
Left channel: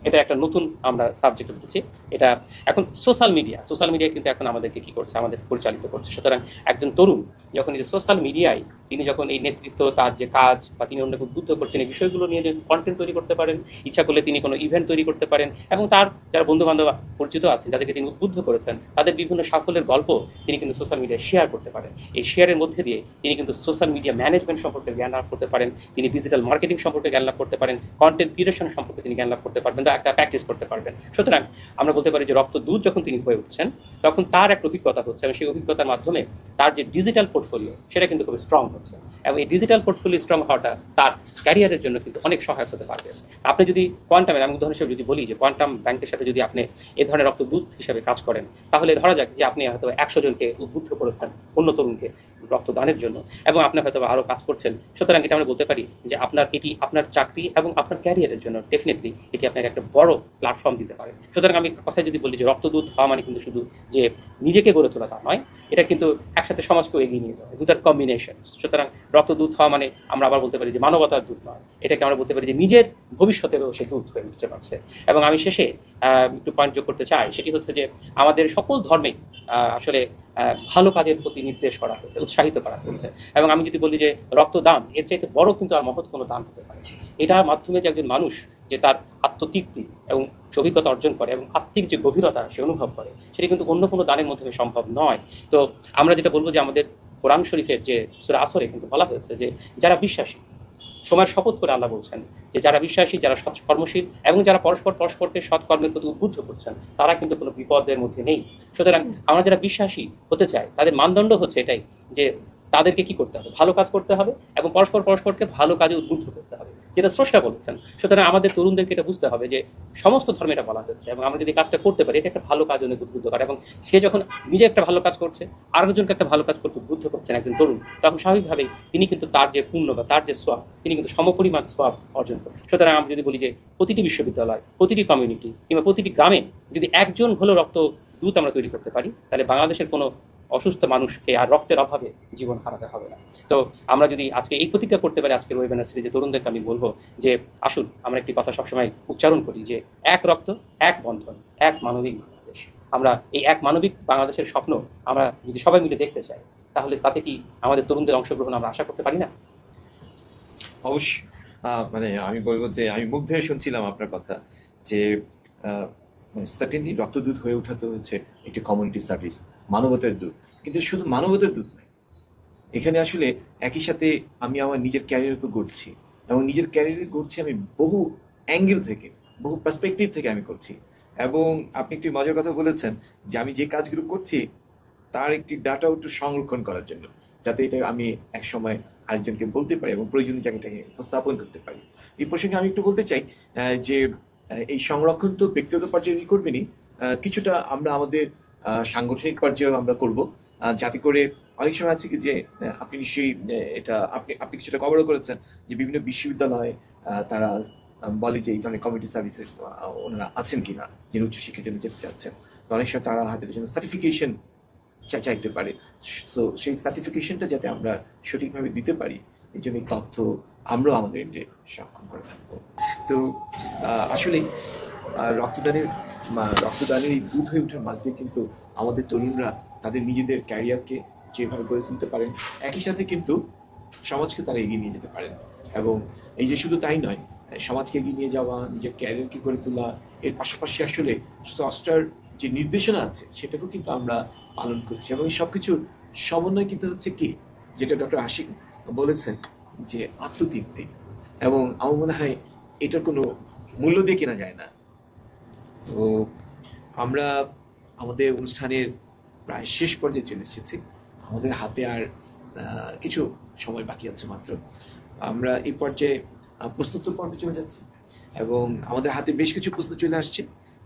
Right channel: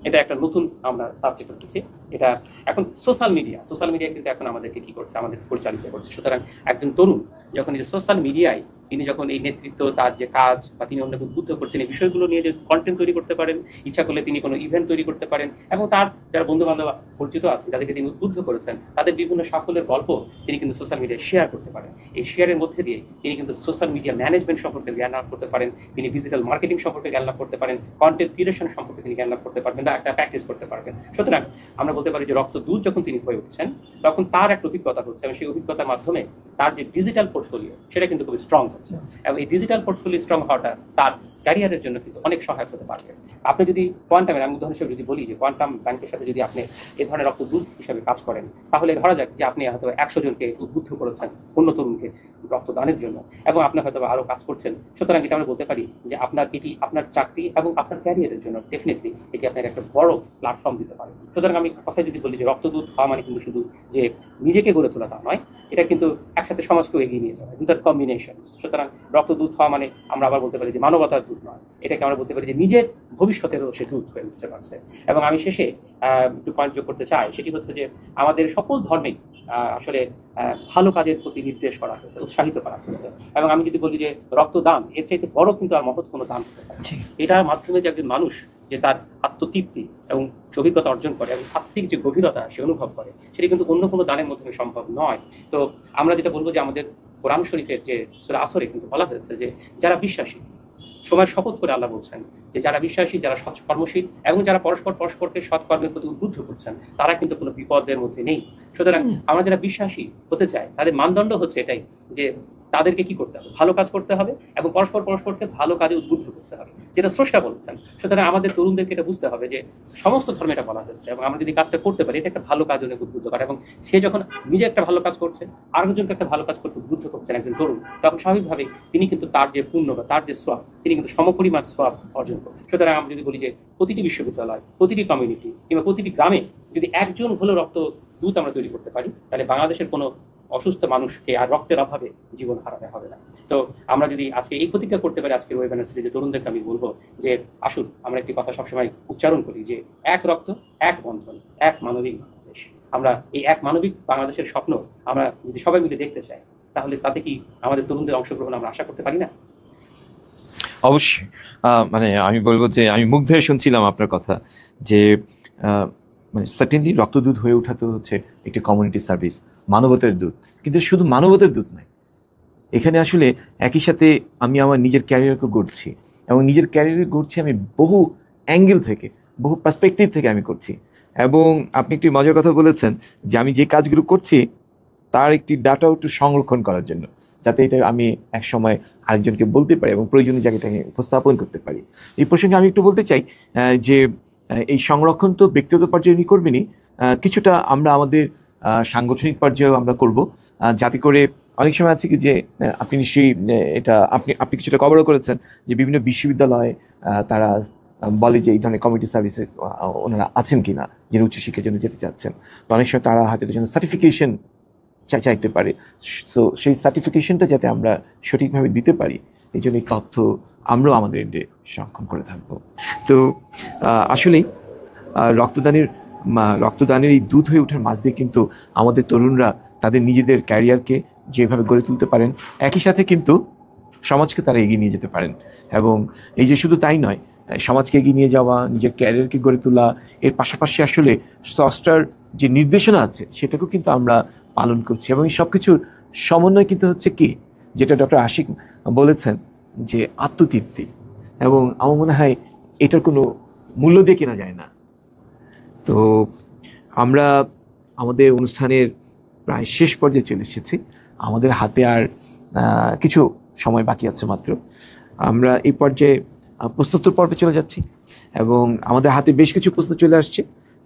এটা একটা নতুন আমরা সাবজেক্ট উঠেছি। এটা এখন সোশ্যাল মিডিয়া কিন্তু এখন আমাদেরকে কি করছে, আমাদের পরিচালিত করছে। সুতরাং একজন তরুণ যখন এই সোশ্যাল মিডিয়ায় তিনি যখন এই নেতৃত্ব, তার যে কাজ বা তিনি অন্যকে উদ্বুদ্ধ করছেন, এই বিষয়গুলো নিয়ে যে কন্টেন্ট তৈরি করতে পারেন, ইচ্ছা করলে তিনি কোনো ইভেন্ট তৈরি করতে পারেন, এবং তার যারা বন্ধু বান্ধব পরিচিত আছে যাদেরকে তিনি উদ্বুদ্ধ করেছেন, তাদের বিভিন্ন সাফল্যের গল্প তিনি কিন্তু সোশ্যাল মিডিয়ায় শেয়ার করতে পারেন। এই শেয়ারের মধ্যে দিয়ে তিনি কিন্তু সোশ্যাল মিডিয়া ম্যানেজমেন্ট সম্পর্কে জ্ঞান লাভ করতে পারেন, তিনি ডিজিটাল মার্কেটিং সম্পর্কে জ্ঞান লাভ করতে পারেন, কন্টেন্ট ক্রিয়েশন সম্পর্কে তিনি জ্ঞান লাভ করতে পারবেন বা একটা প্র্যাকটিস করতে পারবেন। সুতরাং আমরা বলতে পারি যে রক্তদূত যখন তিনি হয়ে উঠছেন, তখন তার একটা অভিজ্ঞতা হচ্ছে, এবং সেই অভিজ্ঞতার মাধ্যমে তার যে ডিজিটাল পোর্টফোলিও সেটা কিন্তু খুব স্ট্রং হচ্ছে, এবং এই ডিজিটাল পোর্টফোলিও স্ট্রং হওয়াটা তার ক্যারিয়ারের জন্য কিন্তু অনেক সহায়ক হতে পারবে। আপনি যদি কোয়ান্টামের, আমি উদাহরণ হিসেবে যদি বলি যে কোয়ান্টাম ব্যাংকের সাথে যদি আপনি এই ধরনের রক্তদূত হিসেবে কাজ করেন, তাহলে ধরা যাক যে আপনি হয়তো 100 জনকে উদ্বুদ্ধ করেছেন অন্য তরুণকে রক্তদানের জন্য, এবং আপনি হয়তো আরও কাজ করছেন। সুতরাং এটা আমরা বলতে পারি যে এটি আপনার চাকরি এবং আপনার ক্যারিয়ারের জন্য ডেফিনেটলি এটি আপনার একটা বড় প্ল্যাটফর্ম দিতে পারে। সুতরাং আমি কথায় যদি বলি যে রক্তদূত হওয়া মানে কিন্তু শুধু যে নিজেকে গড়ে তোলা তা নয়, এটা কিন্তু একসাথে সমাজকে এগিয়ে নিয়ে যাওয়া, দুটার কম্বিনেশন। সুতরাং রক্তদূত হওয়া মানে আমরা আবার বলতে পারি যে মানবতার দূত নয়, এটাকে আমরা বলতে পারি যে নিজের ভবিষ্যতেরও সে দূত হয়ে উঠতে পারছে। এবং আমি শেষে একটু পয়েন্ট যোগ করতে চাই, সেটি হচ্ছে যে আমাদের সকল ধর্মেই আসলে ভালো কাজের প্রতি নির্দেশ করা হয়েছে, উৎসাহিত করা হয়েছে। এবং আমি যদি বলি যে রক্তদান এর চাইতে বড় কিন্তু আর মহৎ কোনো দান হতে পারে। এটার মাধ্যমে যে একজন মানুষ যে তার আত্মতৃপ্তি এবং অভিজ্ঞতা অর্জন করে এবং আত্মিক যে গভীরতা সে অনুভব করে, সেটা কিন্তু অন্য কোনো দানের মাধ্যমে সম্ভব নয়। তো আমরা যেটা বলবো যে আমাদের কোরআন শরীফের যে সূরা আসরে কিন্তু বলা হয়েছে যে যারা বিশ্বাসী, সময়ের শপথ করে আল্লাহ বলছেন যে যারা বিশ্বাসী, যারা সৎকর্মশীল এবং যারা পরস্পরকে সৎকর্মের প্রতি উদ্বুদ্ধ করছেন, তারা কিন্তু কোনো বিপদের মধ্যে নেই। সুতরাং আমরা যারা বিশ্বাসী হতে চাই, তাদের মানদণ্ড হচ্ছে এটাই যে তাদেরকে কি করতে হবে, ভালো কাজ করতে হবে এবং পরস্পরকে ভালো কাজে উদ্বুদ্ধ করতে হবে, যেটা স্রষ্টা বলেছেন। সুতরাং আমাদের তরুণদেরকে এটা বুঝতে হবে যে সমস্ত ধর্মে এটা বলা হয়েছে, এবং আমরা যদি কাজটা করতে পারি, এটা একটা ভালো কাজ অনেক উদ্বুদ্ধ করে। এবং সে যখন নিজে একটা ভালো কাজ করছে, আরেকজনকে একটা ভালো কাজ করতে উদ্বুদ্ধ করছেন একজন তরুণ, তখন স্বাভাবিকভাবেই তিনি কিন্তু তার যে পুণ্য বা তার যে সোয়াব, তিনি কিন্তু সমপরিমাণ সোয়াব অর্জন করছেন। সুতরাং আমরা যদি বলি যে প্রতিটি বিশ্ববিদ্যালয়, প্রতিটি কমিউনিটি কিংবা প্রতিটি গ্রামে যদি একজন হলো রক্তদূত আমরা তৈরি করতে পারি, তাহলে বাংলাদেশের কোনো অসুস্থ মানুষকে আর রক্তের অভাবে জীবন হারাতে হবে না। তো আমরা যদি আজকে এই প্রতিজ্ঞা করতে পারি, আজকের ওয়েবিনার সিরিজে তরুণদেরকে আমি বলবো যে আসুন আমরা একটি কথা সবসময় উচ্চারণ করি যে এক রক্ত, এক বন্ধন, এক মানবিক বাংলাদেশ। আমরা এই এক মানবিক বাংলাদেশের স্বপ্ন আমরা যদি সবাই মিলে দেখতে চাই, তাহলে তাতে কি আমাদের তরুণদের অংশগ্রহণ আমরা আশা করতে পারি না? অবশ্যই। মানে আমি বলবো যে আমি মুগ্ধ হয়ে শুনছিলাম আপনার কথা, যে মানে সার্টেনলি রক্তদূত হয়ে ওঠা তো হচ্ছে একটি কমিউনিটি সার্ভিস, মানবতার দূত। কিন্তু শুধু মানবতার দূত নয়, এখানে আসলে একই সাথে আমি আমার নিজের ক্যারিয়ারকে গড়ছি, এবং নিজের ক্যারিয়ার গড়ছি আমি বহু অ্যাঙ্গেল থেকে, বহু পার্সপেক্টিভ থেকে আমি করছি। এবং আপনি একটি মজার কথা বলেছেন যে আমি যে কাজগুলো করছি তার একটি ডাটাও একটু সংরক্ষণ করার জন্য, যাতে এটা আমি এক সময় আরেকজনকে বলতে পারি এবং প্রয়োজনীয় জায়গাটাকে উপস্থাপন করতে পারি। এই প্রসঙ্গে আমি একটু বলতে চাই যে এই সংরক্ষণ তো ব্যক্তিগত পর্যায়ে উনি করবেনই, কিছুটা আমরা আমাদের সাংগঠনিক পর্যায়েও আমরা করব, যাতে করে অনেক সময় আছে কি যে আপনি নিশ্চয়ই এটা আপনি কিছুটা কভারও করেছেন যে বিভিন্ন বিশ্ববিদ্যালয়ে তারা বলে যে এই ধরনের কমিউনিটি সার্ভিসে ওনারা আছেন কিনা, যিনি উচ্চশিক্ষার জন্য যেতে চাচ্ছেন। তো অনেক সময় তারা হয়তো জন্য সার্টিফিকেশন চাইতে পারে। সো সেই সার্টিফিকেশনটা যাতে আমরা সঠিকভাবে দিতে পারি, এই জন্য এই তথ্য আমরাও আমাদের এন্ডে সংরক্ষণ করে থাকবো। তো আসলেই রক্তদানের এই দূত হয়ে ওঠার মাঝ দিয়ে কিন্তু আমাদের তরুণরা তাদের নিজেদের ক্যারিয়ারকে যেভাবে গড়ে তুলতে পারেন, একই সাথে কিন্তু সমাজকে তারা এগিয়ে নিয়ে যেতে পারেন। এবং এই যে শুধু তাই নয়, সমাজকে এগিয়ে নিয়ে যাওয়া, নিজের ক্যারিয়ারকে গড়ে তোলা, এর পাশাপাশি আসলে স্রষ্টার যে নির্দেশনা আছে সেটাকেও কিন্তু আমরা পালন করছি। এবং এই সব কিছুর সমন্বয় কিন্তু হচ্ছে কি, যেটা ডক্টর আশিক বলেছেন, যে আত্মতৃপ্তি। এবং আমার মনে হয় এটার কোনো মূল্য দিয়ে কেনা যায় না। তো আমরা আমাদের অনুষ্ঠানের প্রায় শেষ পর্যায়ে চলে এসেছি। আমাদের হাতে আর কিছু সময় বাকি আছে মাত্র। আমরা এই পর্যায়ে প্রশ্নোত্তর পর্বে চলে যাচ্ছি এবং আমাদের হাতে বেশ কিছু প্রশ্ন চলে আসছে।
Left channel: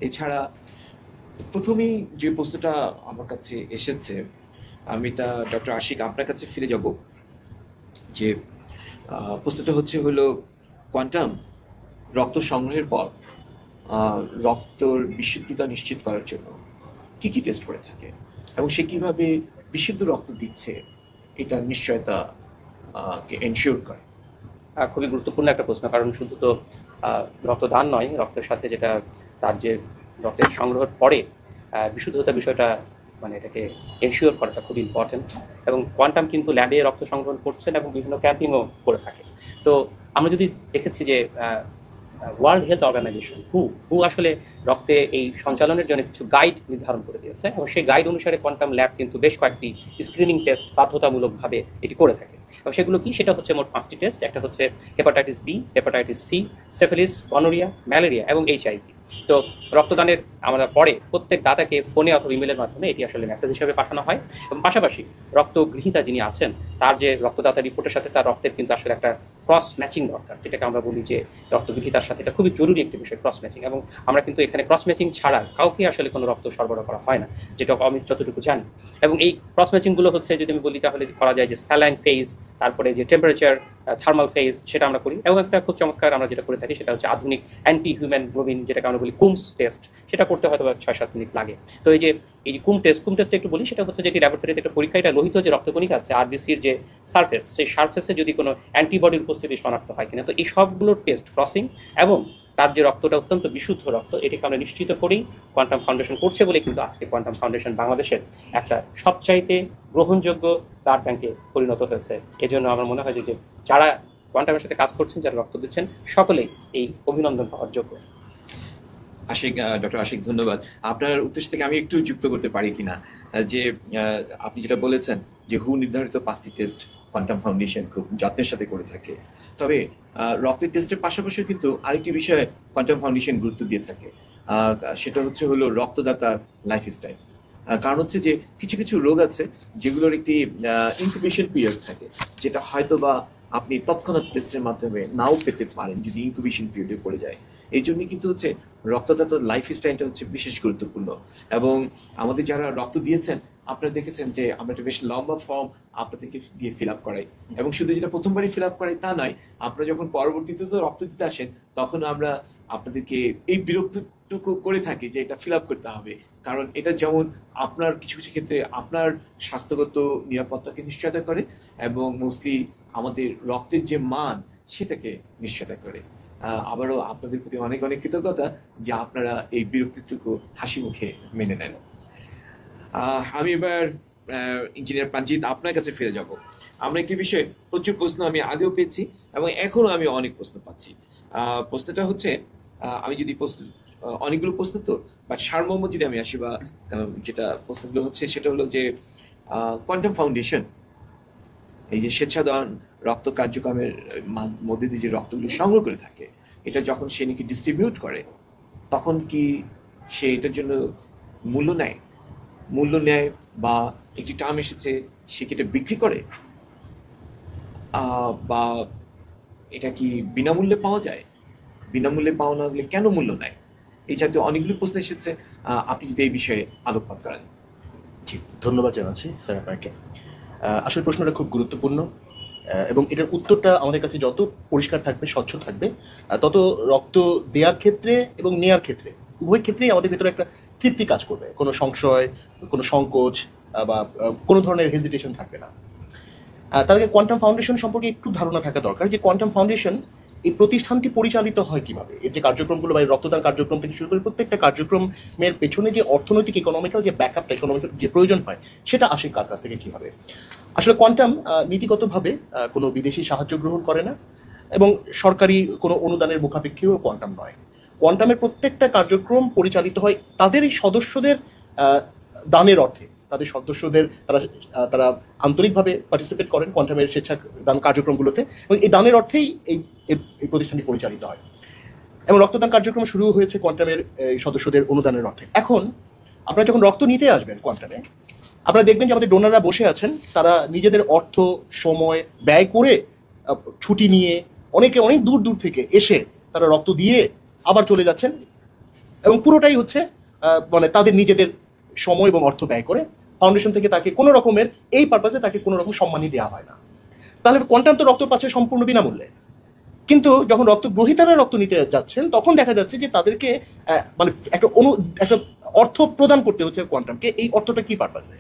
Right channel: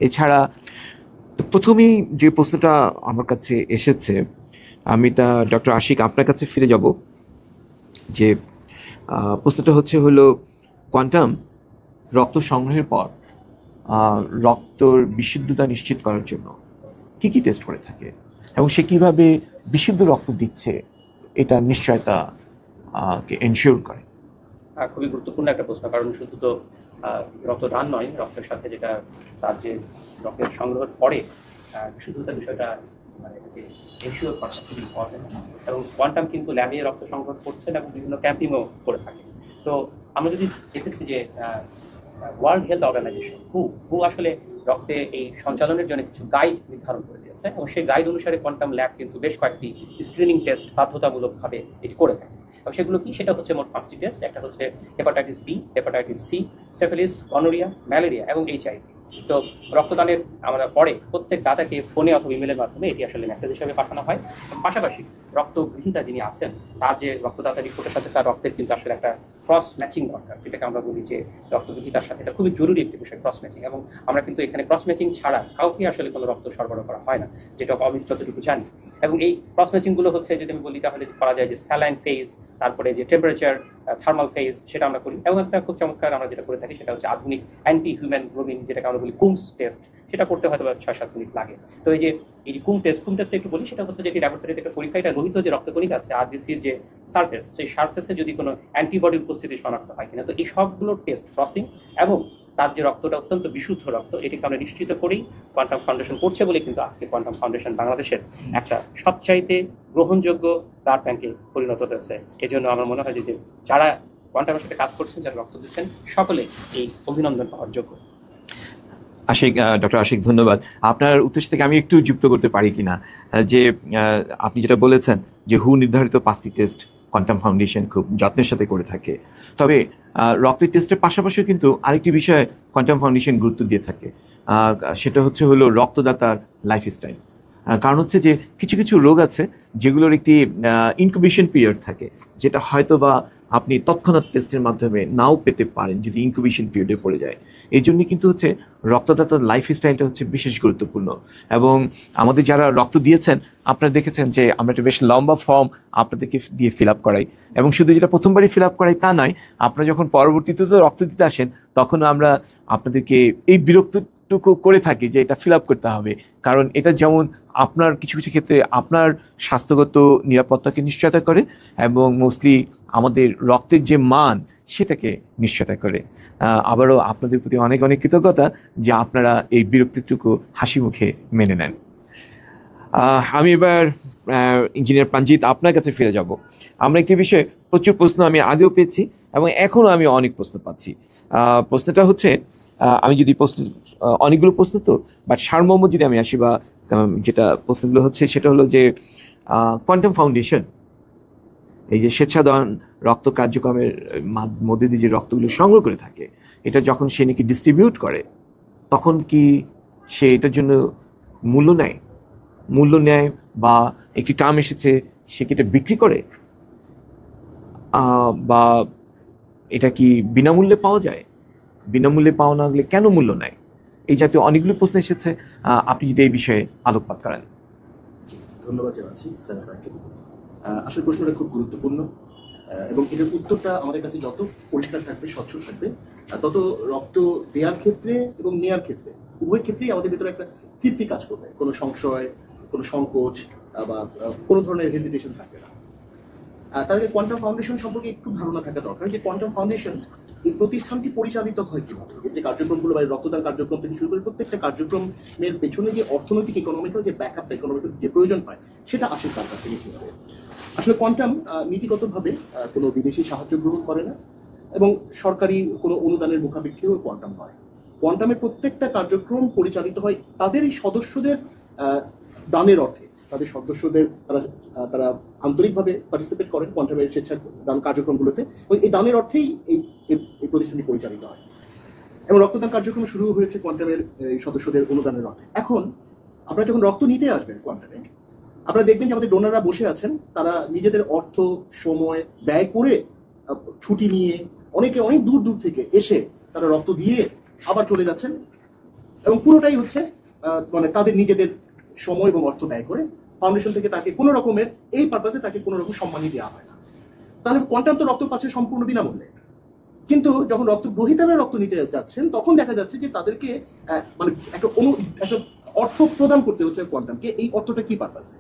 এছাড়া প্রথমেই যে প্রশ্নটা আমার কাছে এসেছে, আমি তা ডক্টর আশিক আপনার কাছে ফিরে যাব। যে প্রশ্নটা হলো কোয়ান্টাম রক্ত সংগ্রহের পর রক্তর বিশুদ্ধতা নিশ্চিত করার জন্য কি কি টেস্ট করে থাকে এবং সে কিভাবে বিশুদ্ধ রক্ত দিচ্ছে এটা নিশ্চয়তা এনশিওর করে? খুবই গুরুত্বপূর্ণ একটা প্রশ্ন, কারণ শুধু তো রক্তদান নয়, রক্তের সাথে যেটা তার যে রক্তের সংগ্রহের পরে বিশুদ্ধতা বিষয়টা, মানে এটাকে এনশিওর করাটা খুব ইম্পর্টেন্ট। এবং কোয়ান্টাম কিন্তু ল্যাবে রক্ত সংগ্রহ করছেন এবং বিভিন্ন ক্যাম্পিংও করে থাকে। তো আমরা যদি দেখেছি যে ওয়ার্ল্ড হেলথ অর্গানাইজেশন হু আসলে রক্তে এই সঞ্চালনের জন্য কিছু গাইড নির্ধারণ করে দিয়েছে, এবং সেই গাইড অনুসারে কোয়ান্টাম ল্যাব কিন্তু বেশ কয়েকটি স্ক্রিনিং টেস্ট বাধ্যতামূলকভাবে এটি করে থাকে। এবং সেগুলো কি, সেটা হচ্ছে মোট 5টি টেস্ট। একটা হচ্ছে hepatitis B, hepatitis C, syphilis, gonorrhoea, malaria এবং এইচআইভি। তো রক্তদানের আমরা পরে প্রত্যেক দাতাকে ফোনে অথবা ইমেলের মাধ্যমে এটি আসলে মেসেজ হিসেবে পাঠানো হয়। এবং পাশাপাশি রক্তগ্রহীতা যিনি আছেন তার যে রক্তদাতা রিপোর্টের সাথে তার রক্তের কিন্তু আসলে একটা ক্রস ম্যাচিং দরকার, যেটাকে আমরা বলি যে রক্তগ্রহীতার সাথে এটা খুবই জরুরি একটি বিষয়, ক্রস ম্যাচিং। এবং আমরা কিন্তু এখানে ক্রস ম্যাচিং ছাড়া কাউকে আসলে কোনো রক্ত সরবরাহ করা হয় না, যেটা আমি যতটুকু জানি। এবং এই ক্রস ম্যাচিংগুলো হচ্ছে, যদি আমি বলি তাহলে করা যায় যে স্যালাইন ফেজ, তারপরে যে টেম্পারেচার, থার্মাল ফেজ, সেটা আমরা করি। এবং একটা খুব চমৎকার আমরা যেটা করে থাকি সেটা হচ্ছে আধুনিক অ্যান্টি হিউম্যানোগ্লোবিন, যেটাকে আমরা বলি কুমস টেস্ট। সেটা করতে হয়তো 6-7 মিনিট লাগে। তো এই যে কুম টেস্টটা একটু বলি, সেটা হচ্ছে যে ল্যাবরেটরিতে একটা পরীক্ষা, এটা লোহিত যে রক্তকণিকা আছে আরবিসির যে সারফেস, সেই সারফেসে যদি কোনো অ্যান্টিবডির উপস্থিতি শনাক্ত হয় কিনা। তো এই সবগুলোর টেস্ট ক্রসিং এবং তার যে রক্তটা অত্যন্ত বিশুদ্ধ রক্ত, এটিকে আমরা নিশ্চিত করেই কোয়ান্টাম ফাউন্ডেশন করছে বলে কিন্তু আজকে কোয়ান্টাম ফাউন্ডেশন বাংলাদেশের একটা সবচাইতে গ্রহণযোগ্য ব্লাড ব্যাংকে পরিণত হয়েছে। এজন্য আমার মনে হয় যে যারা কোয়ান্টামের সাথে কাজ করছেন, যারা রক্ত দিচ্ছেন, সকলেই এই অভিনন্দন পাওয়ার যোগ্য। ডক্টর আশিক, ধন্যবাদ। আপনার উদ্দেশ্য থেকে আমি একটু যুক্ত করতে পারি কিনা, যে আপনি যেটা বলেছেন যে হু নির্ধারিত 5টি টেস্ট কোয়ান্টাম ফাউন্ডেশন খুব যত্নের সাথে করে থাকে। তবে রক্তের টেস্টের পাশাপাশিও কিন্তু আরেকটি বিষয়ে কোয়ান্টাম ফাউন্ডেশন গুরুত্ব দিয়ে থাকে, সেটা হলো রক্তদাতার লাইফস্টাইল। কারণ হচ্ছে যে কিছু কিছু রোগ আছে যেগুলোর একটি ইনকিউবেশন পিরিয়ড থাকে, যেটা হয়তো বা আপনি তৎক্ষণাৎ টেস্টের মাধ্যমে নাও পেতে পারেন যদি ইনকিউবেশন পিরিয়ডে পড়ে যায়। এই জন্য কিন্তু রক্তদাতার লাইফস্টাইলটা বিশেষ গুরুত্বপূর্ণ। এবং আমাদের যারা রক্ত দিয়েছেন, আপনারা দেখেছেন যে আমরা একটা বেশ লম্বা ফর্ম আপনাদেরকে দিয়ে ফিল আপ করাই। এবং শুধু যেটা প্রথমবারই ফিল আপ করাই তা নয়, আপনারা যখন পরবর্তীতে রক্ত দিতে আসেন তখন আমরা আপনাদেরকে এই বিরক্তটুকু করে থাকি যে এটা ফিল আপ করতে হবে। কারণ এটা যেমন আপনার কিছু কিছু ক্ষেত্রে আপনার স্বাস্থ্যগত নিরাপত্তাকে নিশ্চয়তা করে এবং মোস্টলি আমাদের রক্তের যে মান সেটাকে নিশ্চয়তা করে। আবারও আপনাদের প্রতি অনেক অনেক কৃতজ্ঞতা যে আপনারা এই বিরক্তিটুকু হাসি মুখে মেনে নেন। আমি এবার ইঞ্জিনিয়ার প্রাঞ্জিত আপনার কাছে ফিরে যাব। আমরা একটি বিষয়ে প্রচুর প্রশ্ন আমি আগেও পেয়েছি এবং এখনও আমি অনেক প্রশ্ন পাচ্ছি। প্রশ্নটা হচ্ছে, আমি যদি অনেকগুলো প্রশ্ন তো, বাট সারমর্ম যদি আমি আসি, বা যেটা প্রশ্নগুলো হচ্ছে সেটা হলো যে কোয়ান্টাম ফাউন্ডেশন এই যে স্বেচ্ছাদান রক্ত কার্যক্রমের মধ্যে দিয়ে যে রক্তগুলো সংগ্রহ করে থাকে, এটা যখন সে নাকি ডিস্ট্রিবিউট করে তখন কি সে এটার জন্য মূল্য নেয় বা একটি টার্ম এসেছে সে কি এটা বিক্রি করে, বা এটা কি বিনামূল্যে পাওয়া যায়? বিনামূল্যে পাওয়া না গেলে কেন মূল্য নেয়? এই জাতীয় অনেকগুলো প্রশ্ন এসেছে, আপনি যদি এই বিষয়ে আলোকপাত করেন। জি, ধন্যবাদ জানাচ্ছি স্যার আপনাকে। আসলে প্রশ্নটা খুব গুরুত্বপূর্ণ এবং এটার উত্তরটা আমাদের কাছে যত পরিষ্কার থাকবে, স্বচ্ছ থাকবে, তত রক্ত দেওয়ার ক্ষেত্রে এবং নেওয়ার ক্ষেত্রে উভয় ক্ষেত্রেই আমাদের ভিতরে একটা তৃপ্তি কাজ করবে। কোনো সংশয়, কোনো সংকোচ বা কোনো ধরনের হেজিটেশন থাকবে না। তার আগে কোয়ান্টাম ফাউন্ডেশন সম্পর্কে একটু ধারণা থাকা দরকার যে কোয়ান্টাম ফাউন্ডেশন এই প্রতিষ্ঠানটি পরিচালিত হয় কিভাবে, এর যে কার্যক্রমগুলো বা রক্তদান কার্যক্রম থেকে শুরু করে প্রত্যেকটা কার্যক্রমের পেছনে যে অর্থনৈতিক ইকোনমিক্যাল যে ব্যাকআপ ইকোনমিক্যাল যে প্রয়োজন হয় সেটা আসে কার কাছ থেকে কিভাবে। আসলে কোয়ান্টাম নীতিগতভাবে কোনো বিদেশি সাহায্য গ্রহণ করে না এবং সরকারি কোনো অনুদানের মুখাপেক্ষীও কোয়ান্টাম নয়। কোয়ান্টামের প্রত্যেকটা কার্যক্রম পরিচালিত হয় তাদের এই সদস্যদের দানের অর্থে। তাদের সদস্যদের তারা আন্তরিকভাবে পার্টিসিপেট করেন কোয়ান্টামের স্বেচ্ছা দান কার্যক্রমগুলোতে এবং এই দানের অর্থেই এই প্রতিষ্ঠানটি পরিচালিত হয় এবং রক্তদান কার্যক্রম শুরু হয়েছে কোয়ান্টামের সদস্যদের অনুদানের অর্থে। এখন আপনারা যখন রক্ত নিতে আসবেন কোয়ান্টামে, আপনারা দেখবেন যে আমাদের ডোনাররা বসে আছেন, তারা নিজেদের অর্থ সময় ব্যয় করে ছুটি নিয়ে অনেকে অনেক দূর দূর থেকে এসে তারা রক্ত দিয়ে আবার চলে যাচ্ছেন এবং পুরোটাই হচ্ছে মানে তাদের নিজেদের সময় এবং অর্থ ব্যয় করে। ফাউন্ডেশন থেকে তাকে কোনো রকমের এই পারপাসে তাকে কোনো রকম সম্মানই দেওয়া হয় না। তাহলে কোয়ান্টাম তো রক্ত পাচ্ছে সম্পূর্ণ বিনামূল্যে, কিন্তু যখন রক্ত গ্রহীতারা রক্ত নিতে যাচ্ছেন তখন দেখা যাচ্ছে যে তাদেরকে মানে একটা অর্থ প্রদান করতে হচ্ছে কোয়ান্টামকে। এই অর্থটা কি পারপাসে?